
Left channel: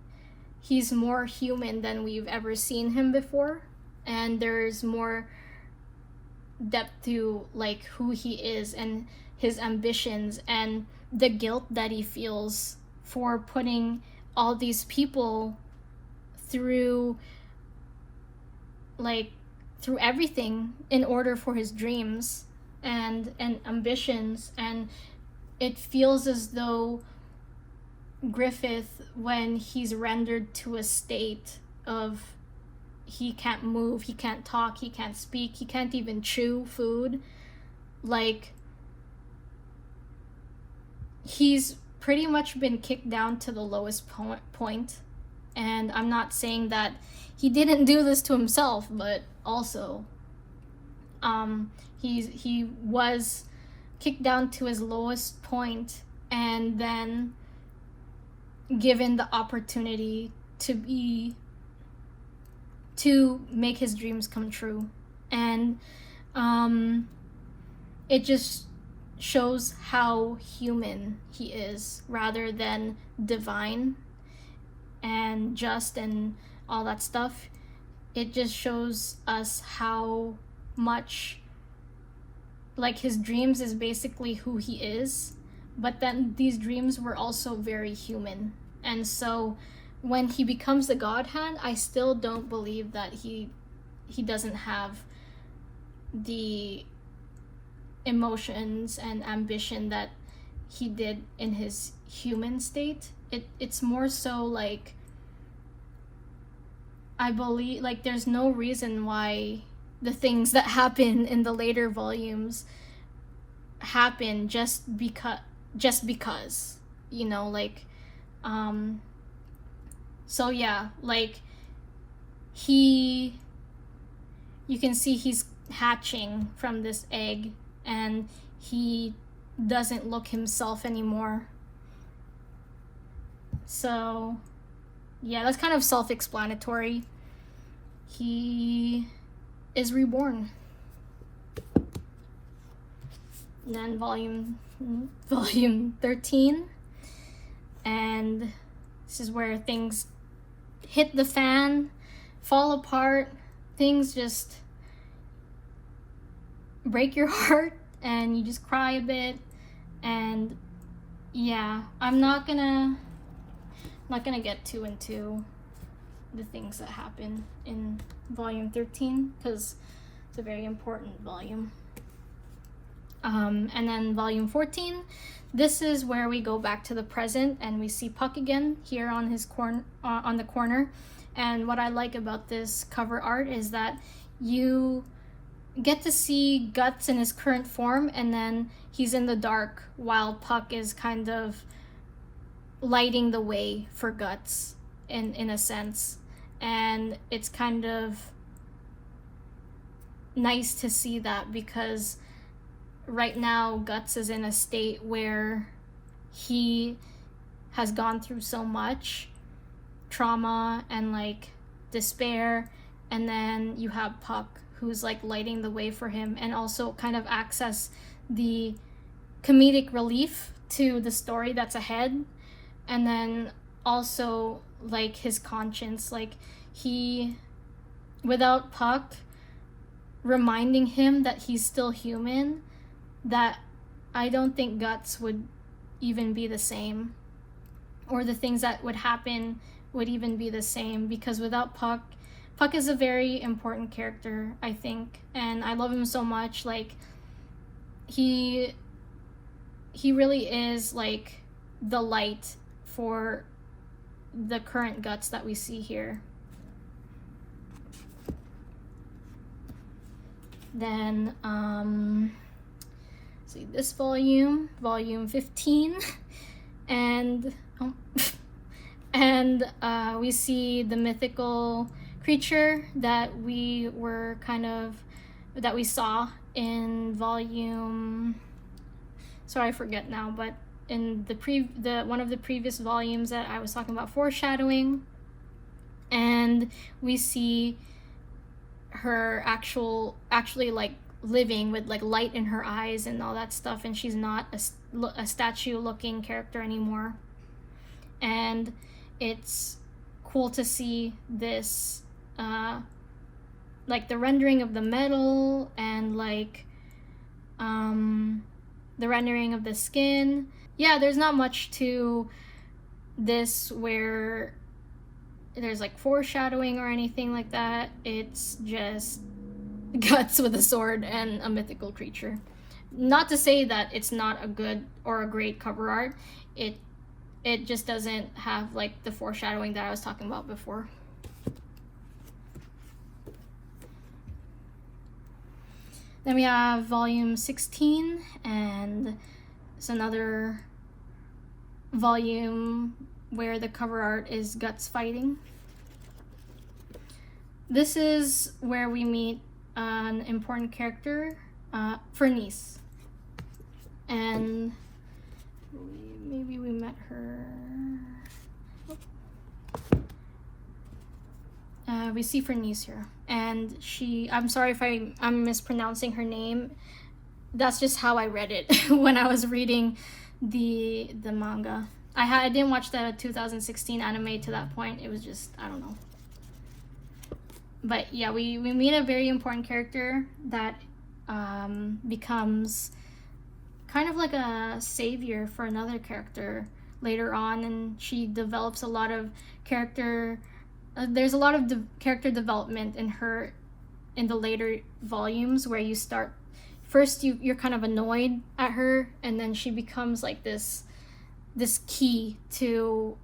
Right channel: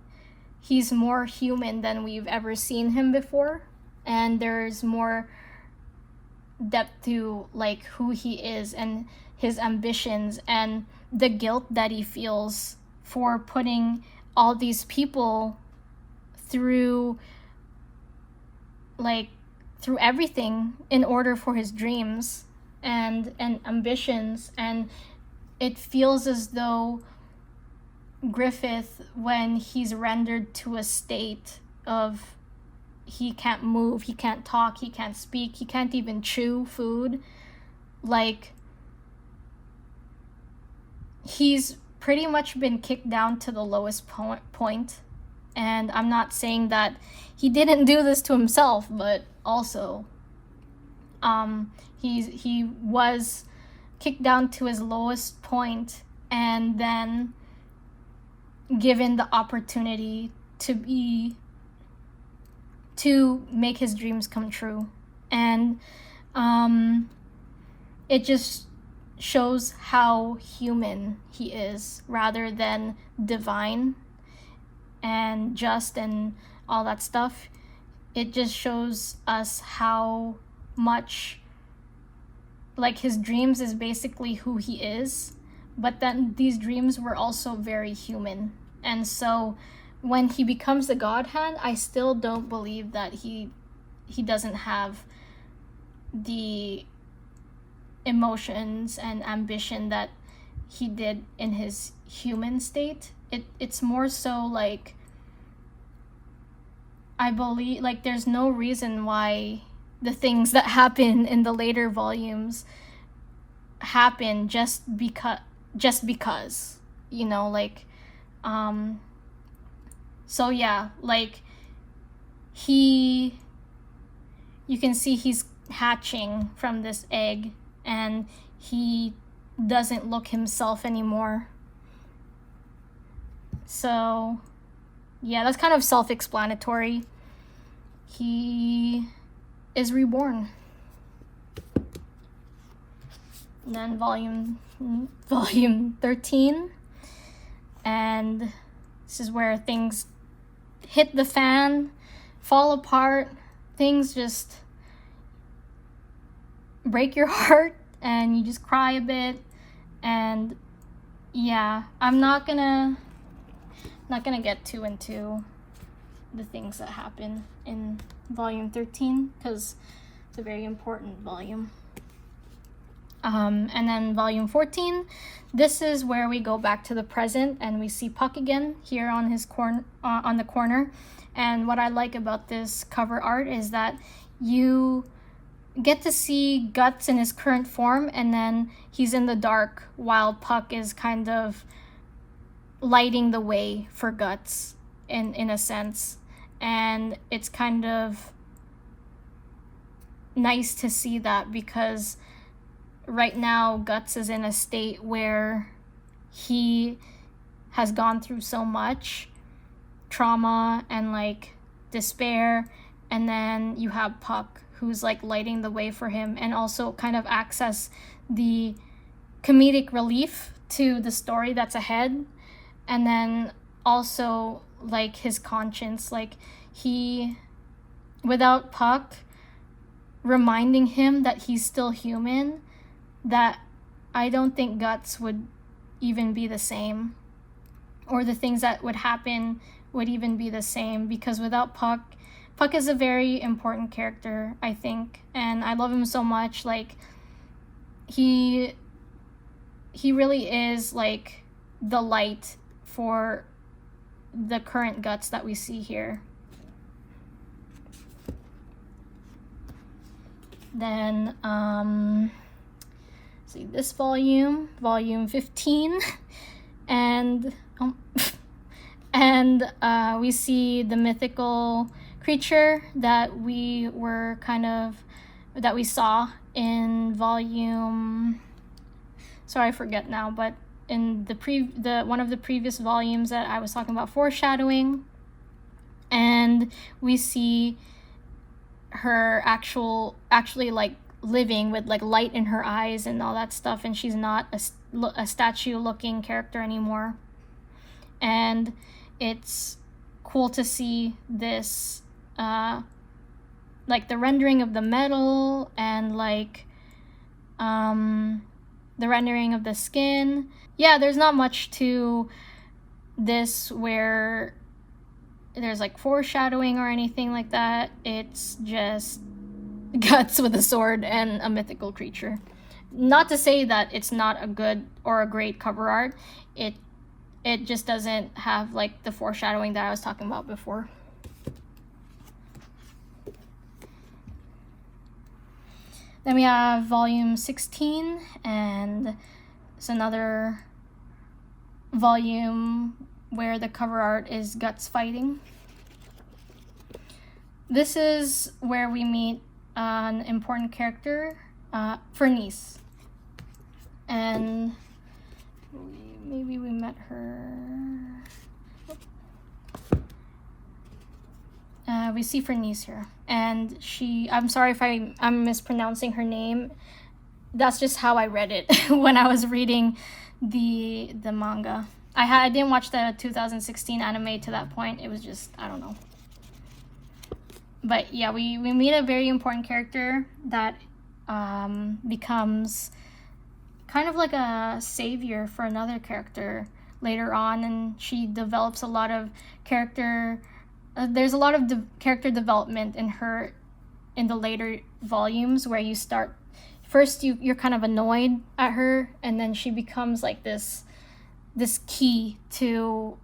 he's more human than we've ever seen him before, and there's more depth to like who he is and his ambitions and the guilt that he feels for putting all these people through everything in order for his dreams and ambitions. And it feels as though Griffith, when he's rendered to a state of he can't move, he can't talk, he can't speak, he can't even chew food, like, he's pretty much been kicked down to the lowest point. And I'm not saying that he didn't do this to himself, but also he was kicked down to his lowest point, and then given the opportunity to make his dreams come true. And it just shows how human he is rather than divine and just and all that stuff. It just shows us how much, like, his dreams is basically who he is, but then these dreams were also very human. And so when he becomes a god hand, I still don't believe that he doesn't have the emotions and ambition that he did in his human state. It's more so like, I believe, like, there's no reason why the things that happen in the later volumes happen just because, you know, like, so yeah, like, you can see he's hatching from this egg, and he doesn't look himself anymore. So yeah, that's kind of self-explanatory. He is reborn. And then volume 13, and this is where things hit the fan, fall apart, things just break your heart, and you just cry a bit. And yeah, I'm not gonna Not gonna get too into the things that happen in volume 13 because it's a very important volume. And then volume 14, this is where we go back to the present and we see Puck again here on his on the corner. And what I like about this cover art is that you get to see Guts in his current form, and then he's in the dark while Puck is kind of lighting the way for Guts in a sense. And it's kind of nice to see that because right now Guts is in a state where he has gone through so much trauma and like despair, and then you have Puck who's like lighting the way for him and also kind of access the comedic relief to the story that's ahead. And then also like his conscience, like he, without Puck reminding him that he's still human, that I don't think Guts would even be the same, or the things that would happen would even be the same, because without Puck is a very important character, I think, and I love him so much. Like he really is like the light for the current Guts that we see here. Then see this volume 15, and we see the mythical creature that we saw in volume, sorry I forget now, but in the one of the previous volumes that I was talking about foreshadowing. And we see her actually like living with like light in her eyes and all that stuff, and she's not a statue looking character anymore. And it's cool to see this like the rendering of the metal and like the rendering of the skin. Yeah, there's not much to this where there's like foreshadowing or anything like that. It's just Guts with a sword and a mythical creature. Not to say that it's not a good or a great cover art. It just doesn't have like the foreshadowing that I was talking about before. Then we have volume 16, and it's another volume where the cover art is Guts fighting. This is where we meet an important character, Fernice. And maybe we met her. We see Fernice here, and I'm sorry if I'm mispronouncing her name. That's just how I read it when I was reading the manga. I didn't watch the 2016 anime to that point. It was just, I don't know. But yeah, we meet a very important character that becomes kind of like a savior for another character later on, and she develops a lot of character. There's a lot of character development in her in the later volumes, where you start first you're kind of annoyed at her, and then she becomes like this key to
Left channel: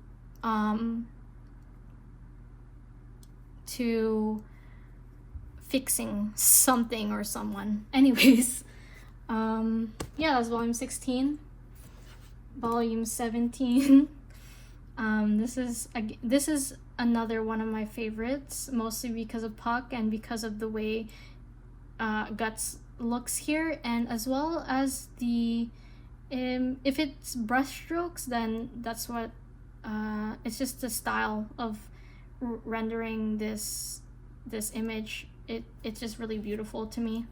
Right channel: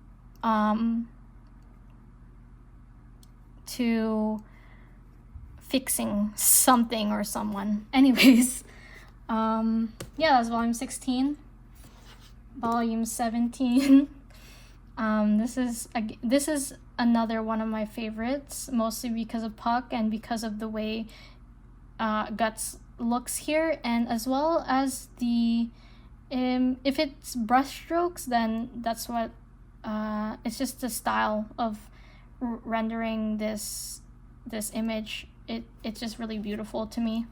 fixing something or someone. Anyways, yeah, that's volume 16. Volume 17. This is another one of my favorites, mostly because of Puck and because of the way Guts looks here, and as well as the if it's brushstrokes, then that's what it's just the style of rendering this image. It's just really beautiful to me.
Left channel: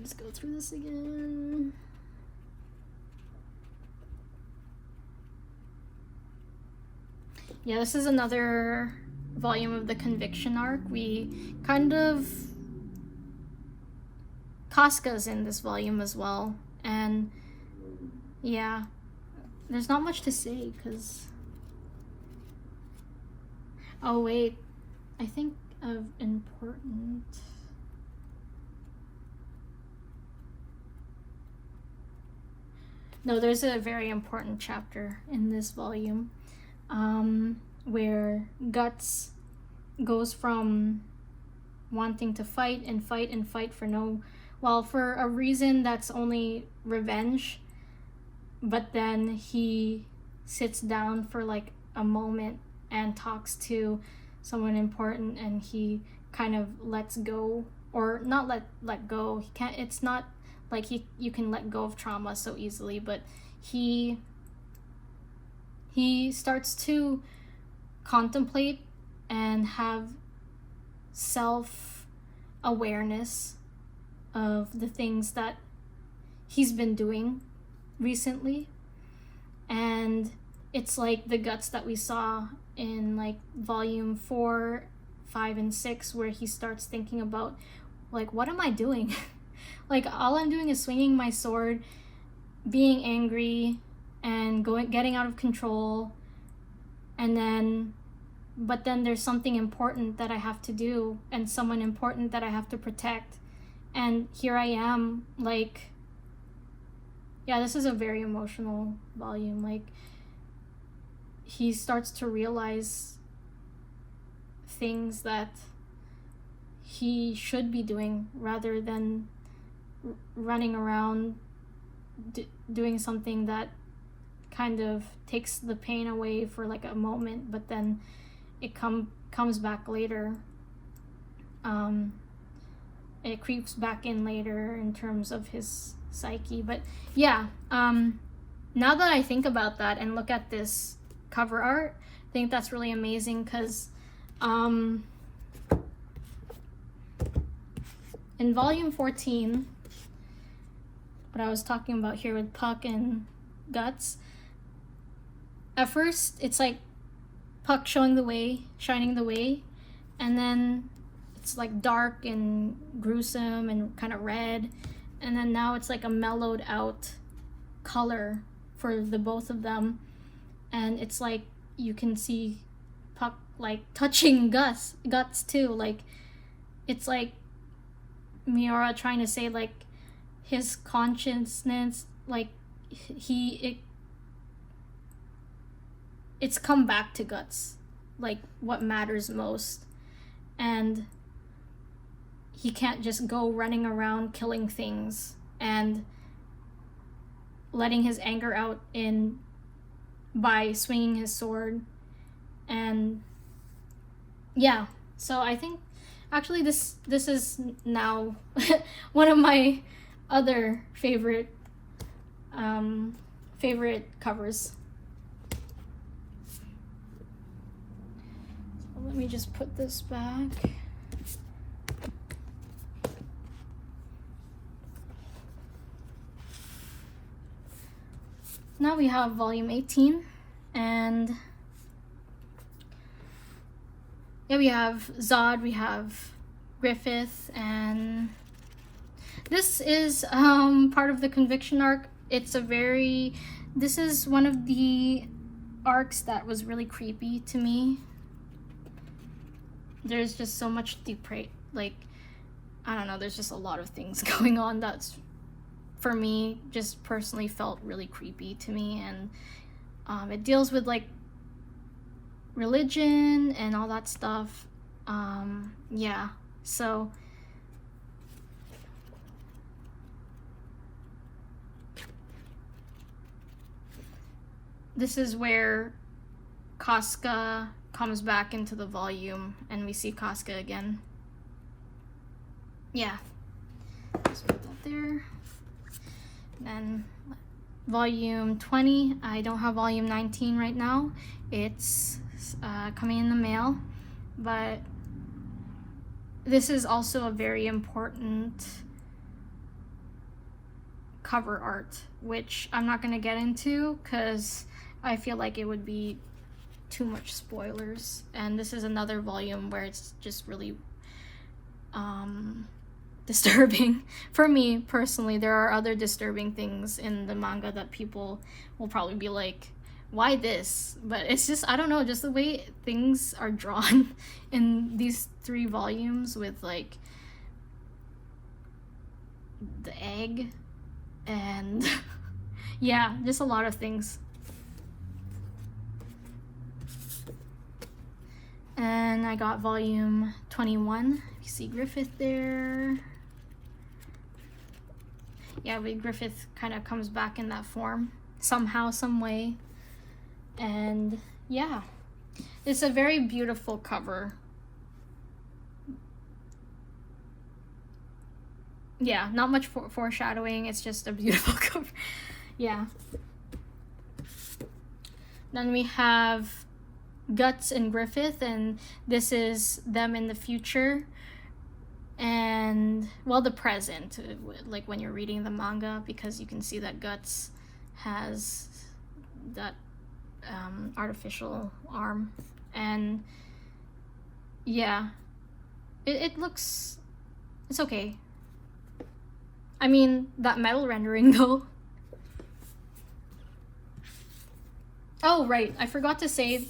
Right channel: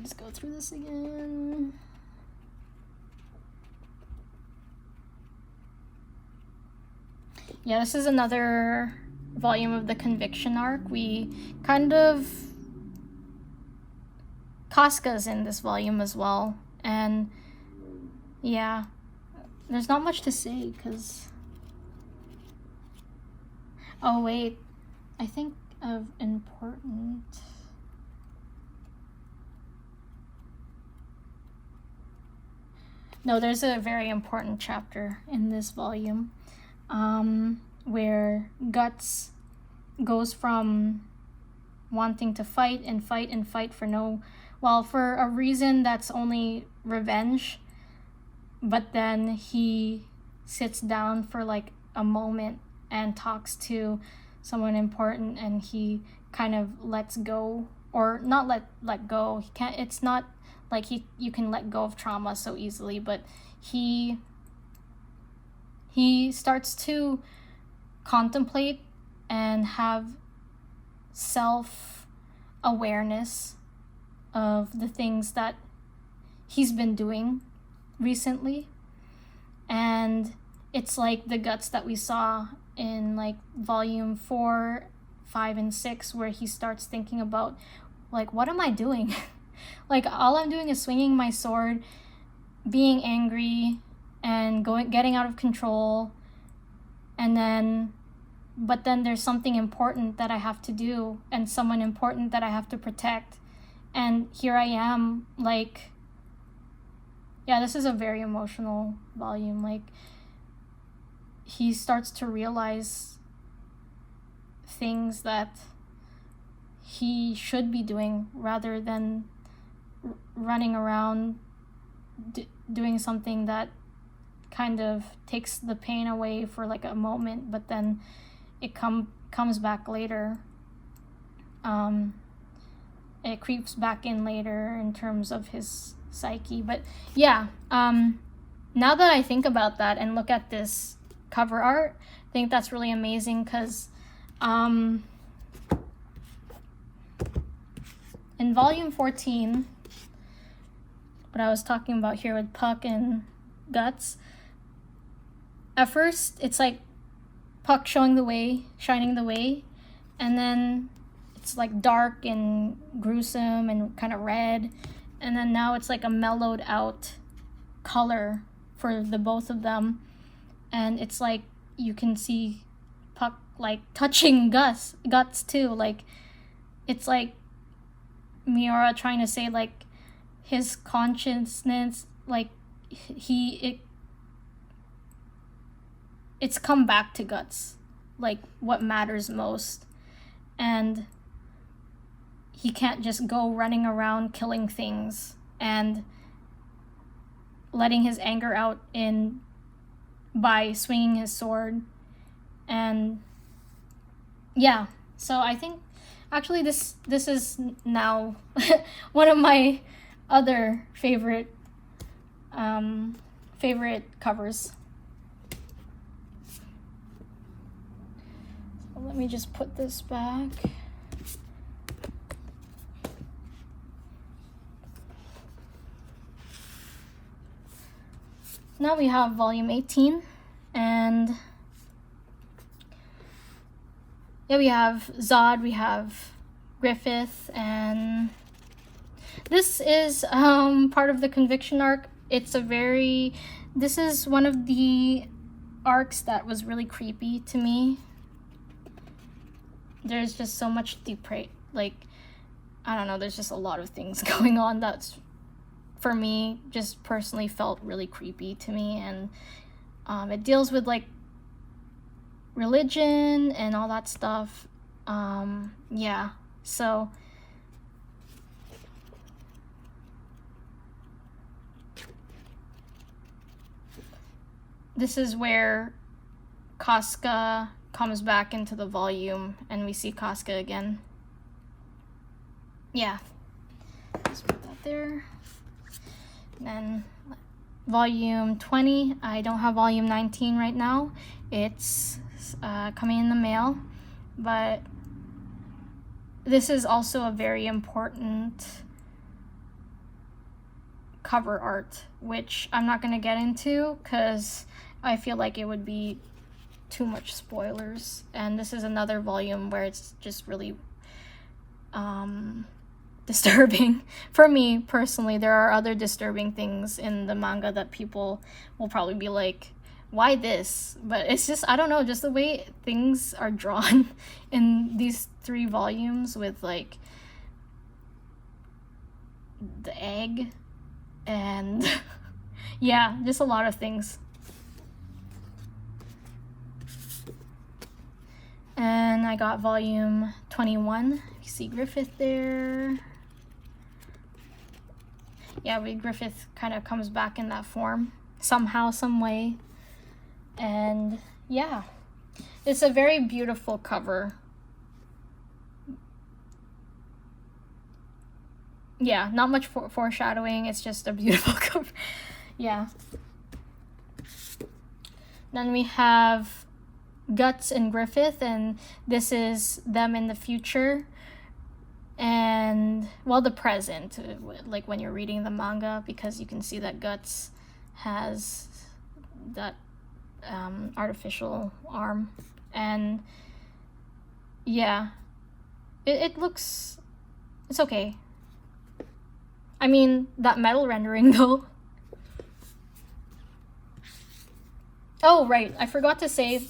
Let's go through this again. Yeah, this is another volume of the Conviction arc. We kind of Casca's in this volume as well, and yeah, there's not much to say because... Oh wait, I think of important... No, there's a very important chapter in this volume where Guts goes from wanting to fight and fight and fight for for a reason that's only revenge, but then he sits down for like a moment and talks to someone important, and he kind of lets go, or not let go. He can't. It's not like you can let go of trauma so easily, but he starts to contemplate and have self-awareness of the things that he's been doing recently. And it's like the Guts that we saw in like volume 4, 5, and 6, where he starts thinking about like, what am I doing? Like, all I'm doing is swinging my sword, being angry, and getting out of control, but then there's something important that I have to do, and someone important that I have to protect, and here I am, like, yeah, this is a very emotional volume. Like, he starts to realize things that he should be doing rather than running around doing something that kind of takes the pain away for like a moment, but then it comes back later. It creeps back in later in terms of his psyche. But yeah, now that I think about that and look at this cover art, I think that's really amazing, because in volume 14, what I was talking about here with Puck and Guts, at first it's like Puck shining the way, and then it's like dark and gruesome and kind of red, and then now it's like a mellowed out color for the both of them, and it's like you can see Puck like touching Guts too. Like, it's like Miura trying to say like his consciousness, like it's come back to Guts, like what matters most, and he can't just go running around killing things and letting his anger out by swinging his sword. And yeah, so I think actually this is now one of my other favorite covers. So let me just put this back. Now we have volume 18, and yeah, we have Zod, we have Griffith, and this is part of the Conviction arc. This is one of the arcs that was really creepy to me. There's just so much like, I don't know, there's just a lot of things going on that's, for me, just personally felt really creepy to me. And it deals with like religion and all that stuff. Yeah, so this is where Casca comes back into the volume, and we see Casca again. Yeah, let's put that there. And then volume 20, I don't have volume 19 right now. It's coming in the mail, but this is also a very important cover art, which I'm not going to get into because I feel like it would be too much spoilers. And this is another volume where it's just really disturbing. For me personally, there are other disturbing things in the manga that people will probably be like, why this? But it's just, I don't know, just the way things are drawn in these 3 volumes with like the egg and yeah, just a lot of things. And I got volume 21. You see Griffith there. Yeah, Griffith kind of comes back in that form somehow, some way. And yeah, it's a very beautiful cover. Yeah, not much foreshadowing, it's just a beautiful cover. Yeah. Then we have Guts and Griffith, and this is them in the future. And, well, the present, like when you're reading the manga, because you can see that Guts has that artificial arm. And yeah, it looks, it's okay. I mean, that metal rendering though. Oh, right, I forgot to say,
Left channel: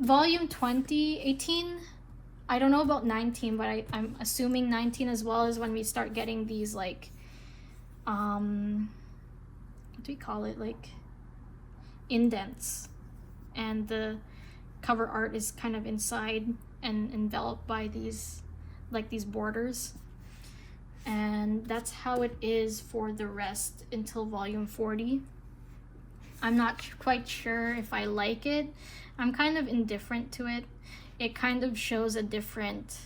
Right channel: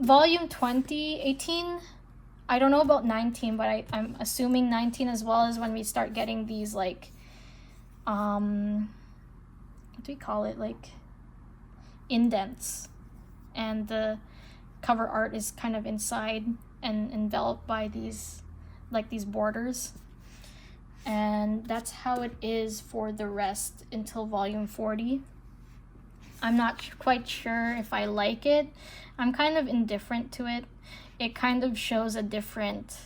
volume 20, 18, I don't know about 19, but I'm assuming 19 as well is when we start getting these, like, what do we call it, like, indents. And the cover art is kind of inside and enveloped by these, like, these borders. And that's how it is for the rest until volume 40. I'm not quite sure if I like it. I'm kind of indifferent to it. It kind of shows a different...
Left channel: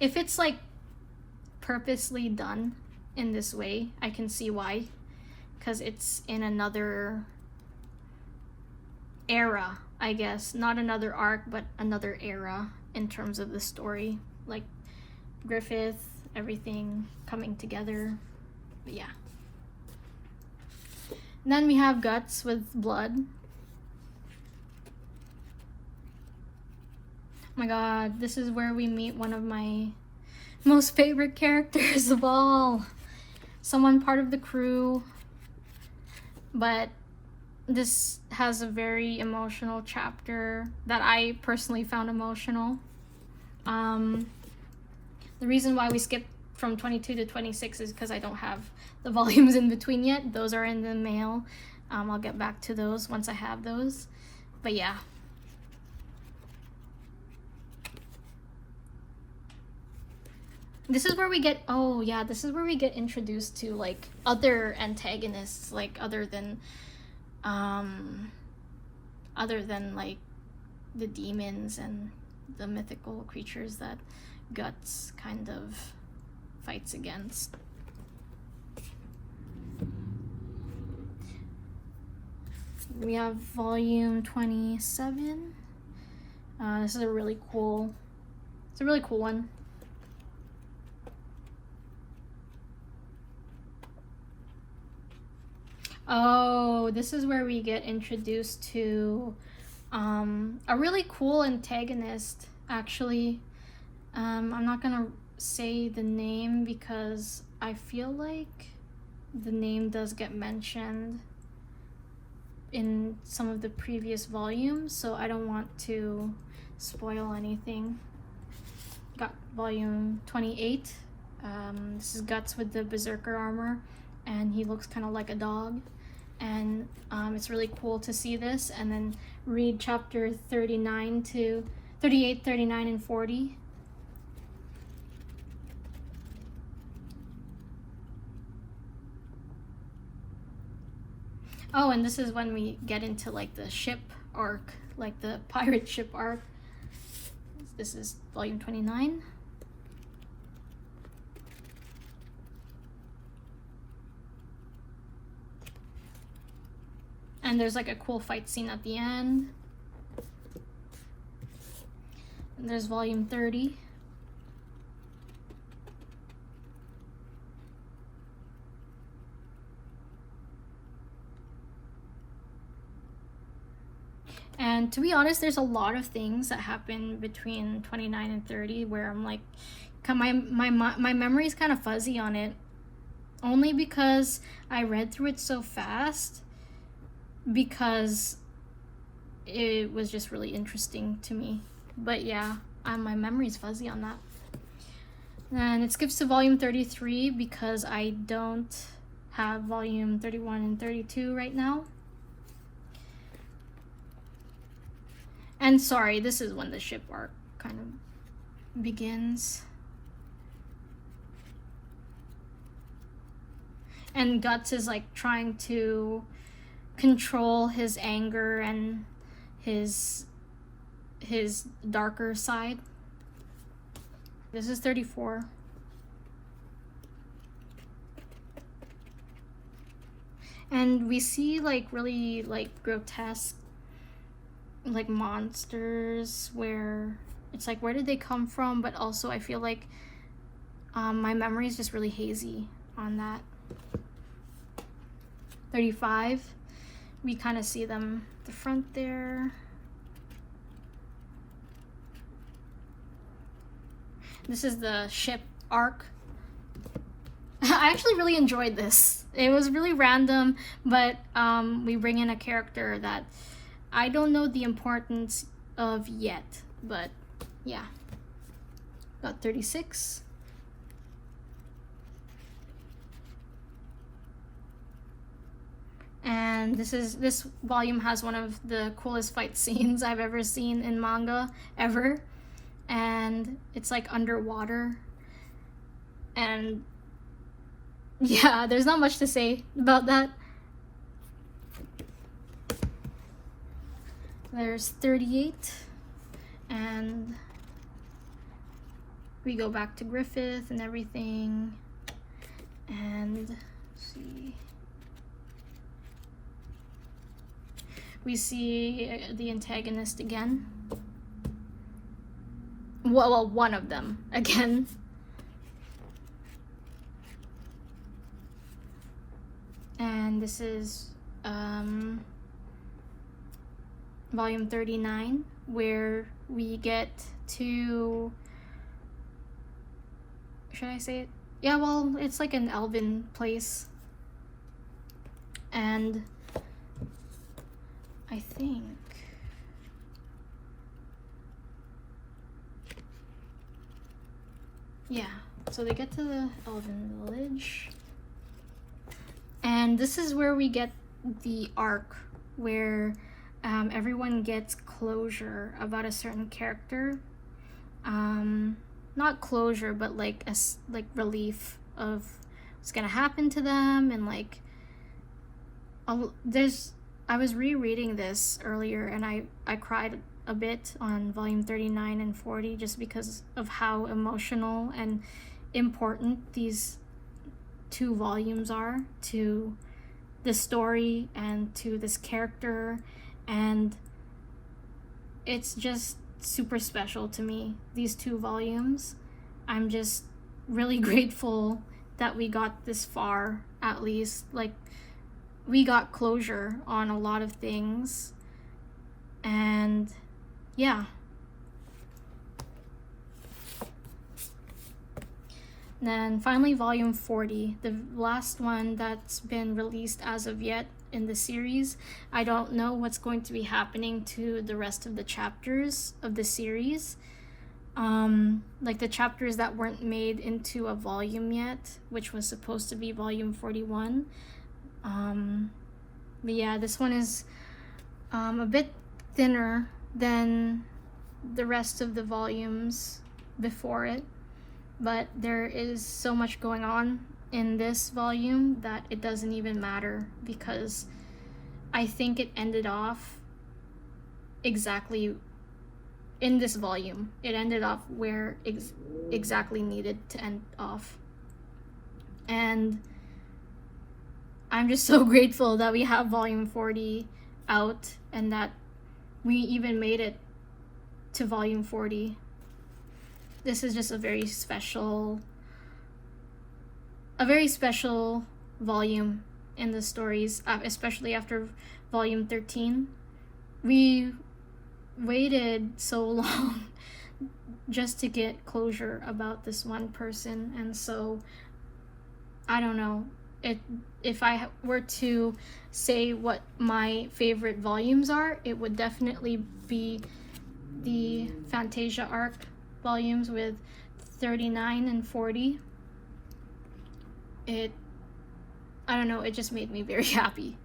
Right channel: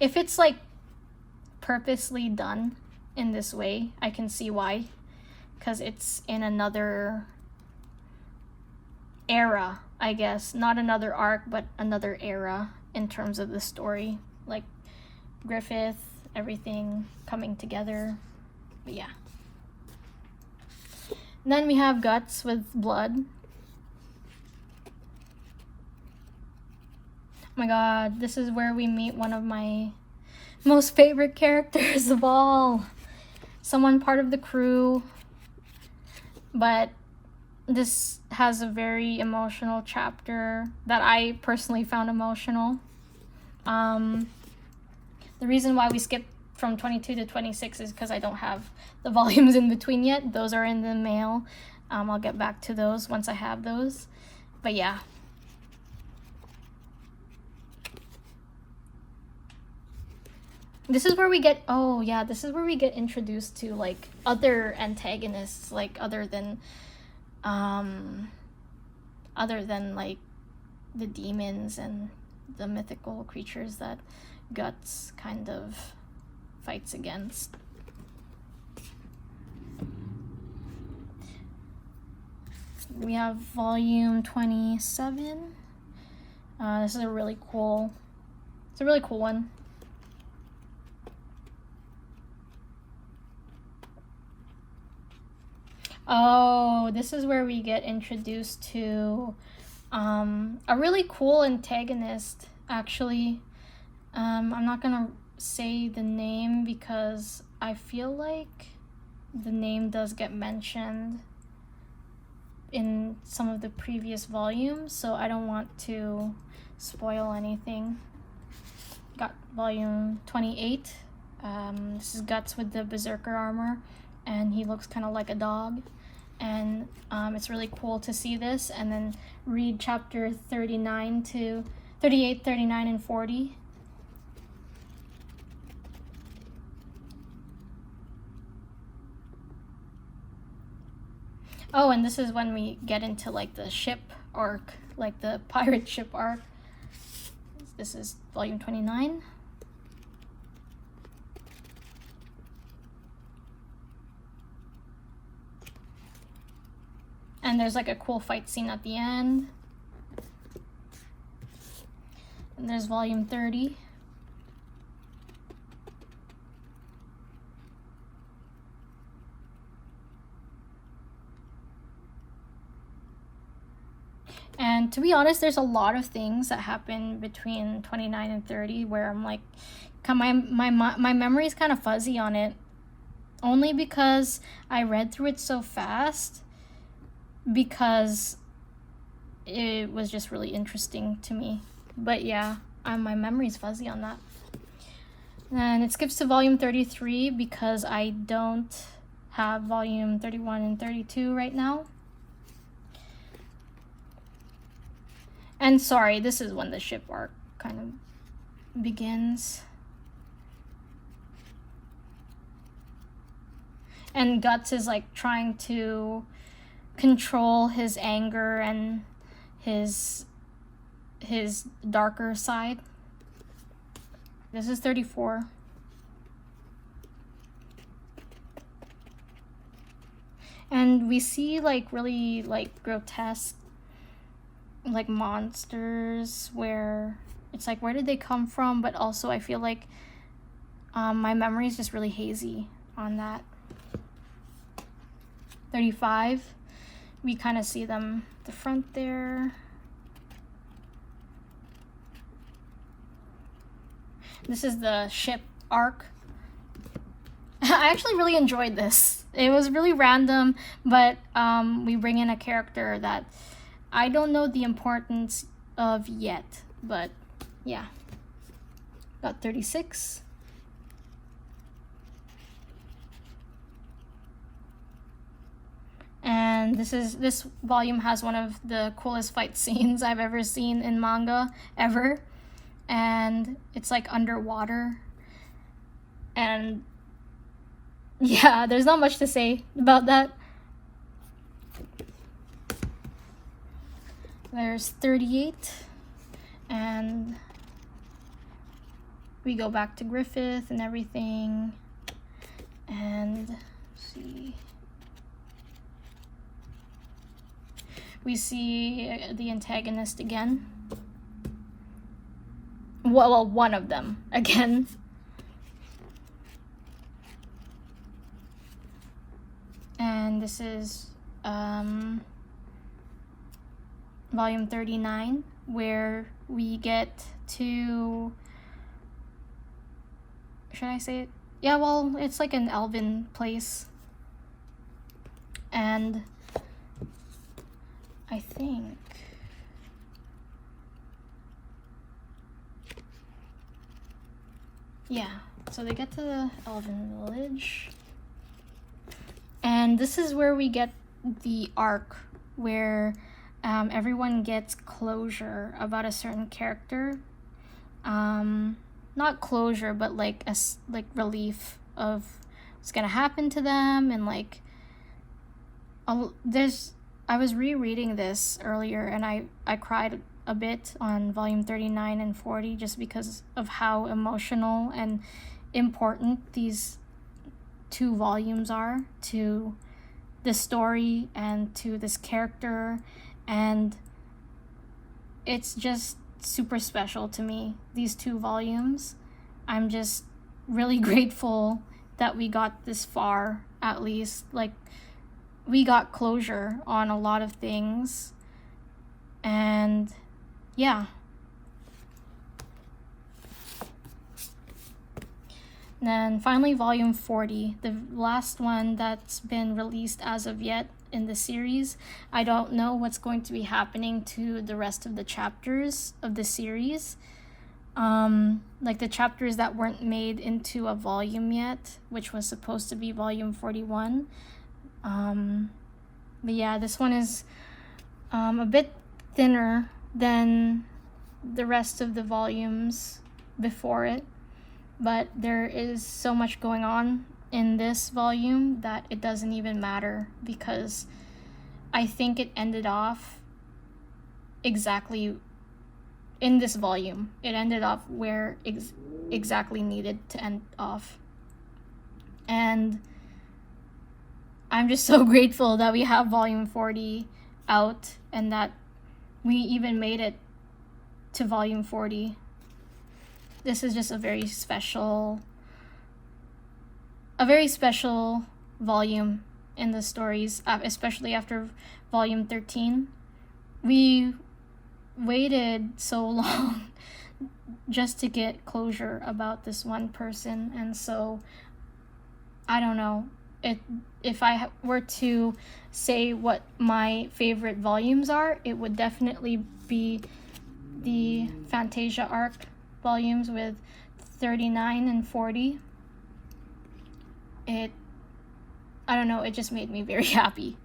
If it's like purposely done in this way, I can see why. Because it's in another era, I guess. Not another arc, but another era in terms of the story. Like Griffith, everything coming together. But yeah. And then we have Guts with blood. Oh my god, this is where we meet one of my most favorite characters of all. Someone part of the crew. But this has a very emotional chapter that I personally found emotional. The reason why we skipped from 22 to 26 is because I don't have the volumes in between yet. Those are in the mail. I'll get back to those once I have those. But yeah. This is where we get, oh yeah, this is where we get introduced to like other antagonists, like other than like the demons and the mythical creatures that Guts kind of fights against. We have volume 27. This is a really cool, it's a really cool one. Oh, this is where we get introduced to a really cool antagonist, actually. I'm not gonna say the name because I feel like the name does get mentioned in some of the previous volumes, so I don't want to spoil anything. Got volume 28. This is Guts with the Berserker armor, and he looks kind of like a dog. And it's really cool to see this, and then read chapter 39 to 38, 39, and 40. Oh, and this is when we get into like the ship arc, like the pirate ship arc. This is volume 29. And there's like a cool fight scene at the end. And there's volume 30. And to be honest, there's a lot of things that happen between 29 and 30 where I'm like, My memory's kind of fuzzy on it, only because I read through it so fast, because it was just really interesting to me. But yeah, my memory's fuzzy on that. And it skips to volume 33 because I don't have volume 31 and 32 right now. And sorry, this is when the ship arc kind of begins. And Guts is like trying to control his anger and his darker side. This is 34. And we see like really like grotesque like monsters, where it's like, where did they come from? But also I feel like my memory is just really hazy on that. 35, we kind of see them at the front there. This is the ship arc. I actually really enjoyed this. It was really random, but we bring in a character that I don't know the importance of yet, but yeah. Got 36. And this volume has one of the coolest fight scenes I've ever seen in manga ever. And it's like underwater. And yeah, there's not much to say about that. There's 38, and we go back to Griffith and everything, and let's see, we see the antagonist again. Well, one of them again. And this is volume 39, where we get to, should I say it? Yeah, well, it's like an elven place. And I think yeah, so they get to the elven village. And this is where we get the arc where everyone gets closure about a certain character. Not closure, but like relief of what's gonna happen to them, and like I was rereading this earlier, and I cried a bit on volume 39 and 40 just because of how emotional and important these two volumes are to the story and to this character, and it's just super special to me, these two volumes. I'm just really grateful that we got this far, at least. Like, we got closure on a lot of things, and yeah. Then finally volume 40, the last one that's been released as of yet in the series. I don't know what's going to be happening to the rest of the chapters of the series. Like the chapters that weren't made into a volume yet, which was supposed to be volume 41. But yeah, this one is a bit thinner than the rest of the volumes before it. But there is so much going on in this volume that it doesn't even matter, because I think it ended off exactly in this volume. It ended off where exactly needed to end off. And I'm just so grateful that we have volume 40 out and that we even made it to volume 40. This is just a very special volume in the stories, especially after volume 13. We waited so long just to get closure about this one person. And so I don't know, if I were to say what my favorite volumes are, it would definitely be the Fantasia arc volumes with 39 and 40. I don't know, it just made me very happy.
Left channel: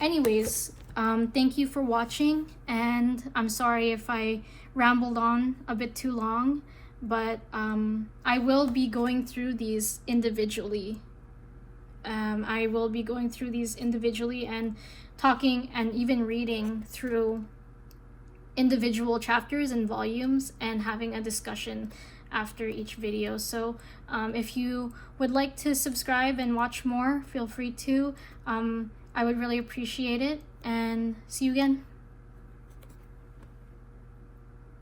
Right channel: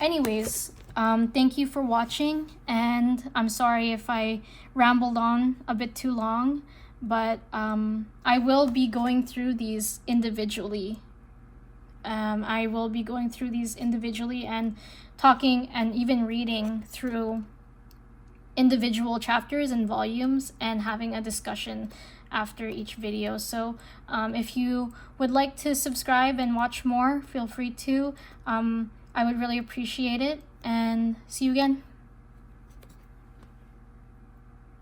Anyways, thank you for watching, and I'm sorry if I rambled on a bit too long, but I will be going through these individually. And talking and even reading through individual chapters and volumes and having a discussion after each video. So if you would like to subscribe and watch more, feel free to. I would really appreciate it, and see you again.